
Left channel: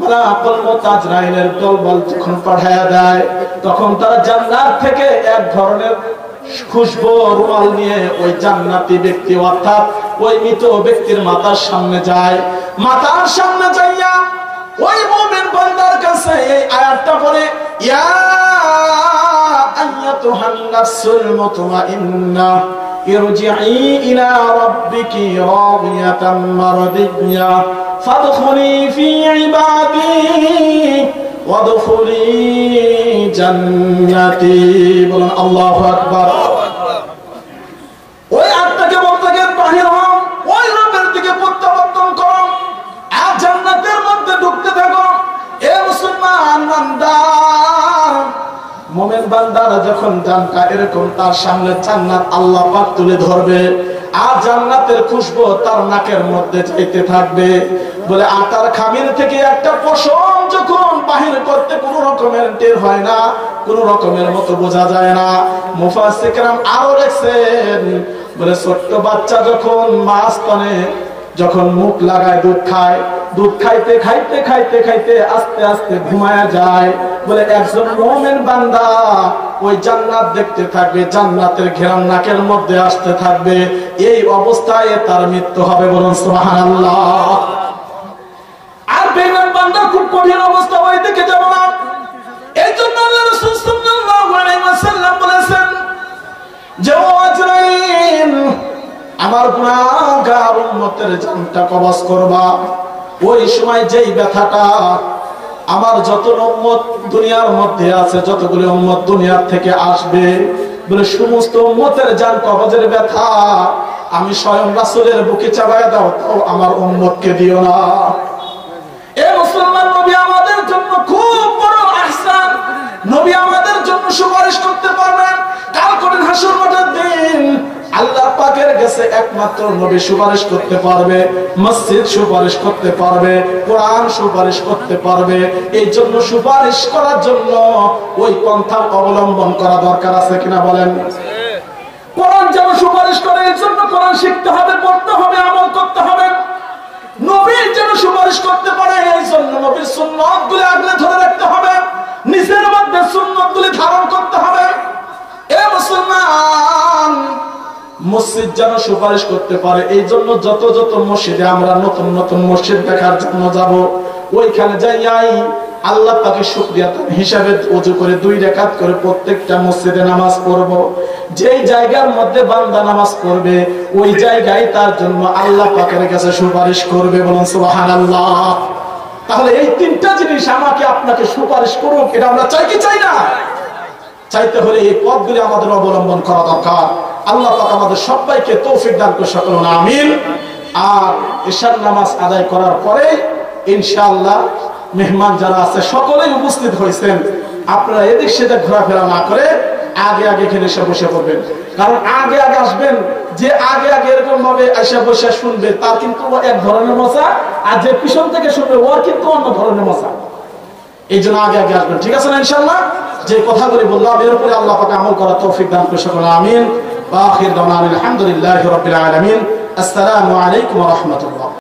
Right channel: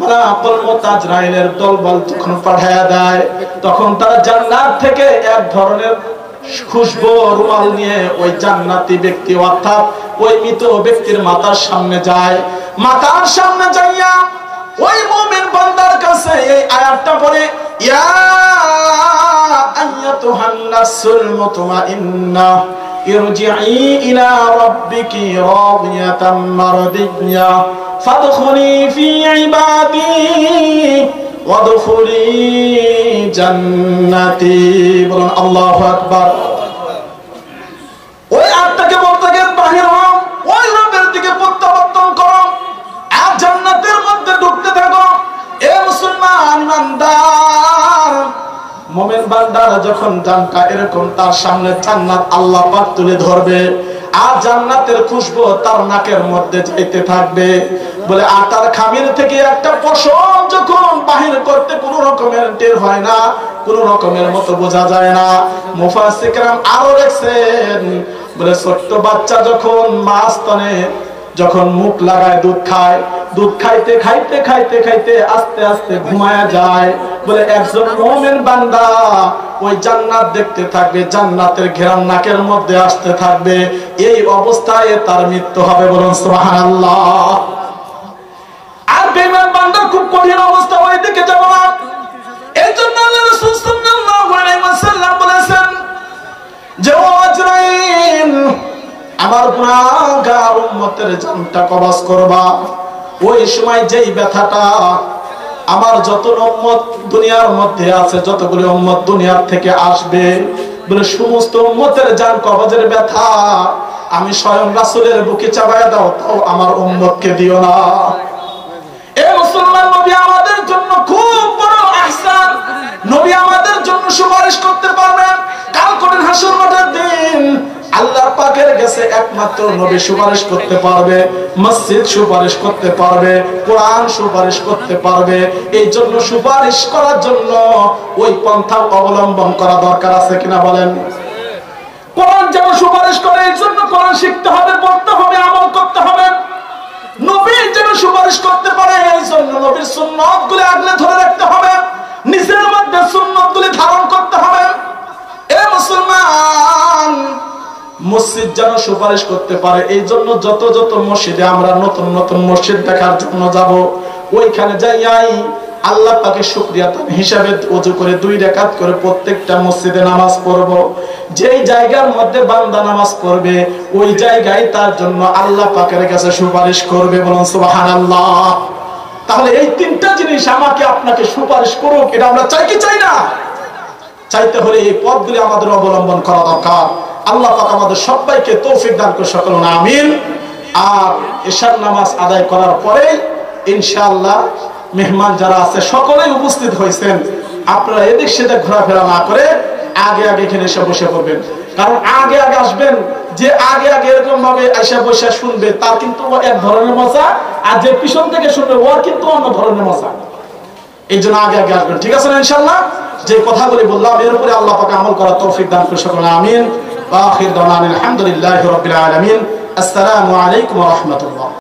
মালাকুল মউত আজরাইলের দলবল যখন পাঠায়া দেয়, তখন তারা জান্নাত থেকে এক ধরনের খুশবু রুমাল নিয়ে ওই জান্নাতি ব্যক্তি অর্থাৎ ওই মৃত ব্যক্তির মাথার সামনে যায়। মাথার সামনে যাইয়া ওই মুমিন বান্দার কাছে এই আয়াতটা পড়ে, ইয়া আইয়াতুহান নাফসুল মুতমাইন্নাহ ইরজিই ইলা রাব্বিকি রাদিয়াতাম মারদিয়া ফাদখুলি ফি ইবাদি ওয়াদখুলি জান্নাতি। বলুন আল্লাহু আকবার। ওই আয়াতটাকে বলতে গিয়ে বাহির হও, ওই রবের দিকে প্রত্যাবর্তন করো, আর জান্নাতের মধ্যে ঢুকতে থাকো। এ মুসলমান বান্দার, মুমিন বান্দারা যখন জানটা এরকম তার সামনে জান্নাত আল্লাহ পাক তুলে ধরবে, আর জান্নাতের খুশবু তার নাকের মধ্যে যাইতে থাকবে। বলে আটার খামির থেকে একটা পশম যখন বাহির করতে কোন রকমের টের হয় না, কোন রকমের মতো বোঝা যায় না। মুফাসসির কেরাম আরো লেখছেন, বলে ছোট্ট বাচ্চা যখন মা স্তনে যখন মুখ লাগায় দুধ খায়, দুধ খাইতে খাইতে খাইতে খাইতে আস্তে আস্তে ঘুমায়া যায়। বলে একজন মুমিন বান্দা ওই জান্নাত দেখতে থাকবে, জান্নাতের ঘেরান নাকের মধ্যে আসতে থাকবে, এই অবস্থায় তার মৃত্যু হবে। বলুন সুবহানাল্লাহ। আর বেঈমান বান্দা খুব কঠিন অবস্থা, ওই দিকে যাব না। এই জন্য আল্লাহ রাসূল সাল্লাল্লাহু আলাইহি ওয়াসাল্লাম বলেছেন যে ও আজরাইল, আমার গুনাহগার উম্মতের জানটা কবজ করবা। ওই সময় যেই ব্যথাটা আমার যত উম্মত দুনিয়ার মধ্যে আছে, যতগুলো উম্মত দুনিয়ার থেকে আসবে, বলে সমস্ত উম্মতের জান কবজের ব্যথা আমি স্বয়ং রাসূলের বুকে চাপায়া দাও, তাও আমার উম্মতকে দিও না। এ মুসলমান, নবী আমাদের জন্য খুব বড় ইহসান। নবী আমাদের জন্য সুপারিশ করতে পারবেন। কাল কঠিন হাসর মাঠের দিন আল্লাহ পাকের কাছে একমাত্র নবী সুপারিশ করতে পারবে, মসজিদ সুপারিশ করতে পারবে, কোরআন সুপারিশ করতে পারবে। এই জন্য সুপারিশ করার জন্য ওই পন্থা অবলম্বন করা দরকার আছে কিনা বলেন? কোরআন যেন সুপারিশ করে, এই জন্য কোরআন শিখতে হবে, পড়তে হবে, আমল করতে হবে। নবী যেন সুপারিশ করতে পারে, এই জন্য নবীর সুন্নতগুলি আগলে ধরে রাখতে হবে, নিজের মধ্যে সুন্নতগুলি ধারণ করতে হবে। এ মুসলমান, মসজিদ যেন সুপারিশ করতে পারে, এই জন্য যত যত মসজিদে আমরা নতুন নতুন মসজিদ দেখার জন্য যাব, ওইখানে যাই আল্লাহ পাকের শুকরিয়া হিসাবে ওযু করে 2 রাকাত করে প্রত্যেকটা মসজিদে নামাজ পড়ব। যেই জায়গার মধ্যে বান্দা নামাজ পড়বে, ওই জায়গায় তার জন্য আল্লাহ পাকের কাছে সুপারিশ করবে। বলুন সুবহানাল্লাহ। তাহলে এই 3টা জিনিস আমাকে আপনাকে সুপারিশ করুক, এটা আমরা চাই কি চাই না? চাইতে হলে এই পথগুলি আমাদের অবলম্বন করা দরকার। আল্লাহ পাক আমাদের সবাইকে তৌফিক দান করে সকলুন আমিন। আর ইশার নামাজ আদায় করার পরে ইনশাআল্লাহ মেহমান যারা আছে সকলেই উপস্থিত হয়েছেন, আপনারা এদিক সেদিক ঘোরাফেরা না করে আগে আগে এখানে এসে বসে পড়বেন। কারণ আগে আগে আসবেন, যে আগে আগে এরকম ভাবে এসে বসে শুনবে তার কিন্তু এক ধরনের মজা, আর যে পিছন থেকে শুনবে ওর কিন্তু অন্য ধরনের মজা। এই জন্য আগে আগে আসবেন, ঠিক আছে না? ইনশাআল্লাহ যে কথাগুলি বললাম এর উপরে আল্লাহ পাক আমল করার তৌফিক দান করে সকল আমিন। ওয়া আখির দাওয়ানা আলহামদুলিল্লাহি রাব্বিল আলামিন। আসসালামু আলাইকুম ওয়া রাহমাতুল্লাহ।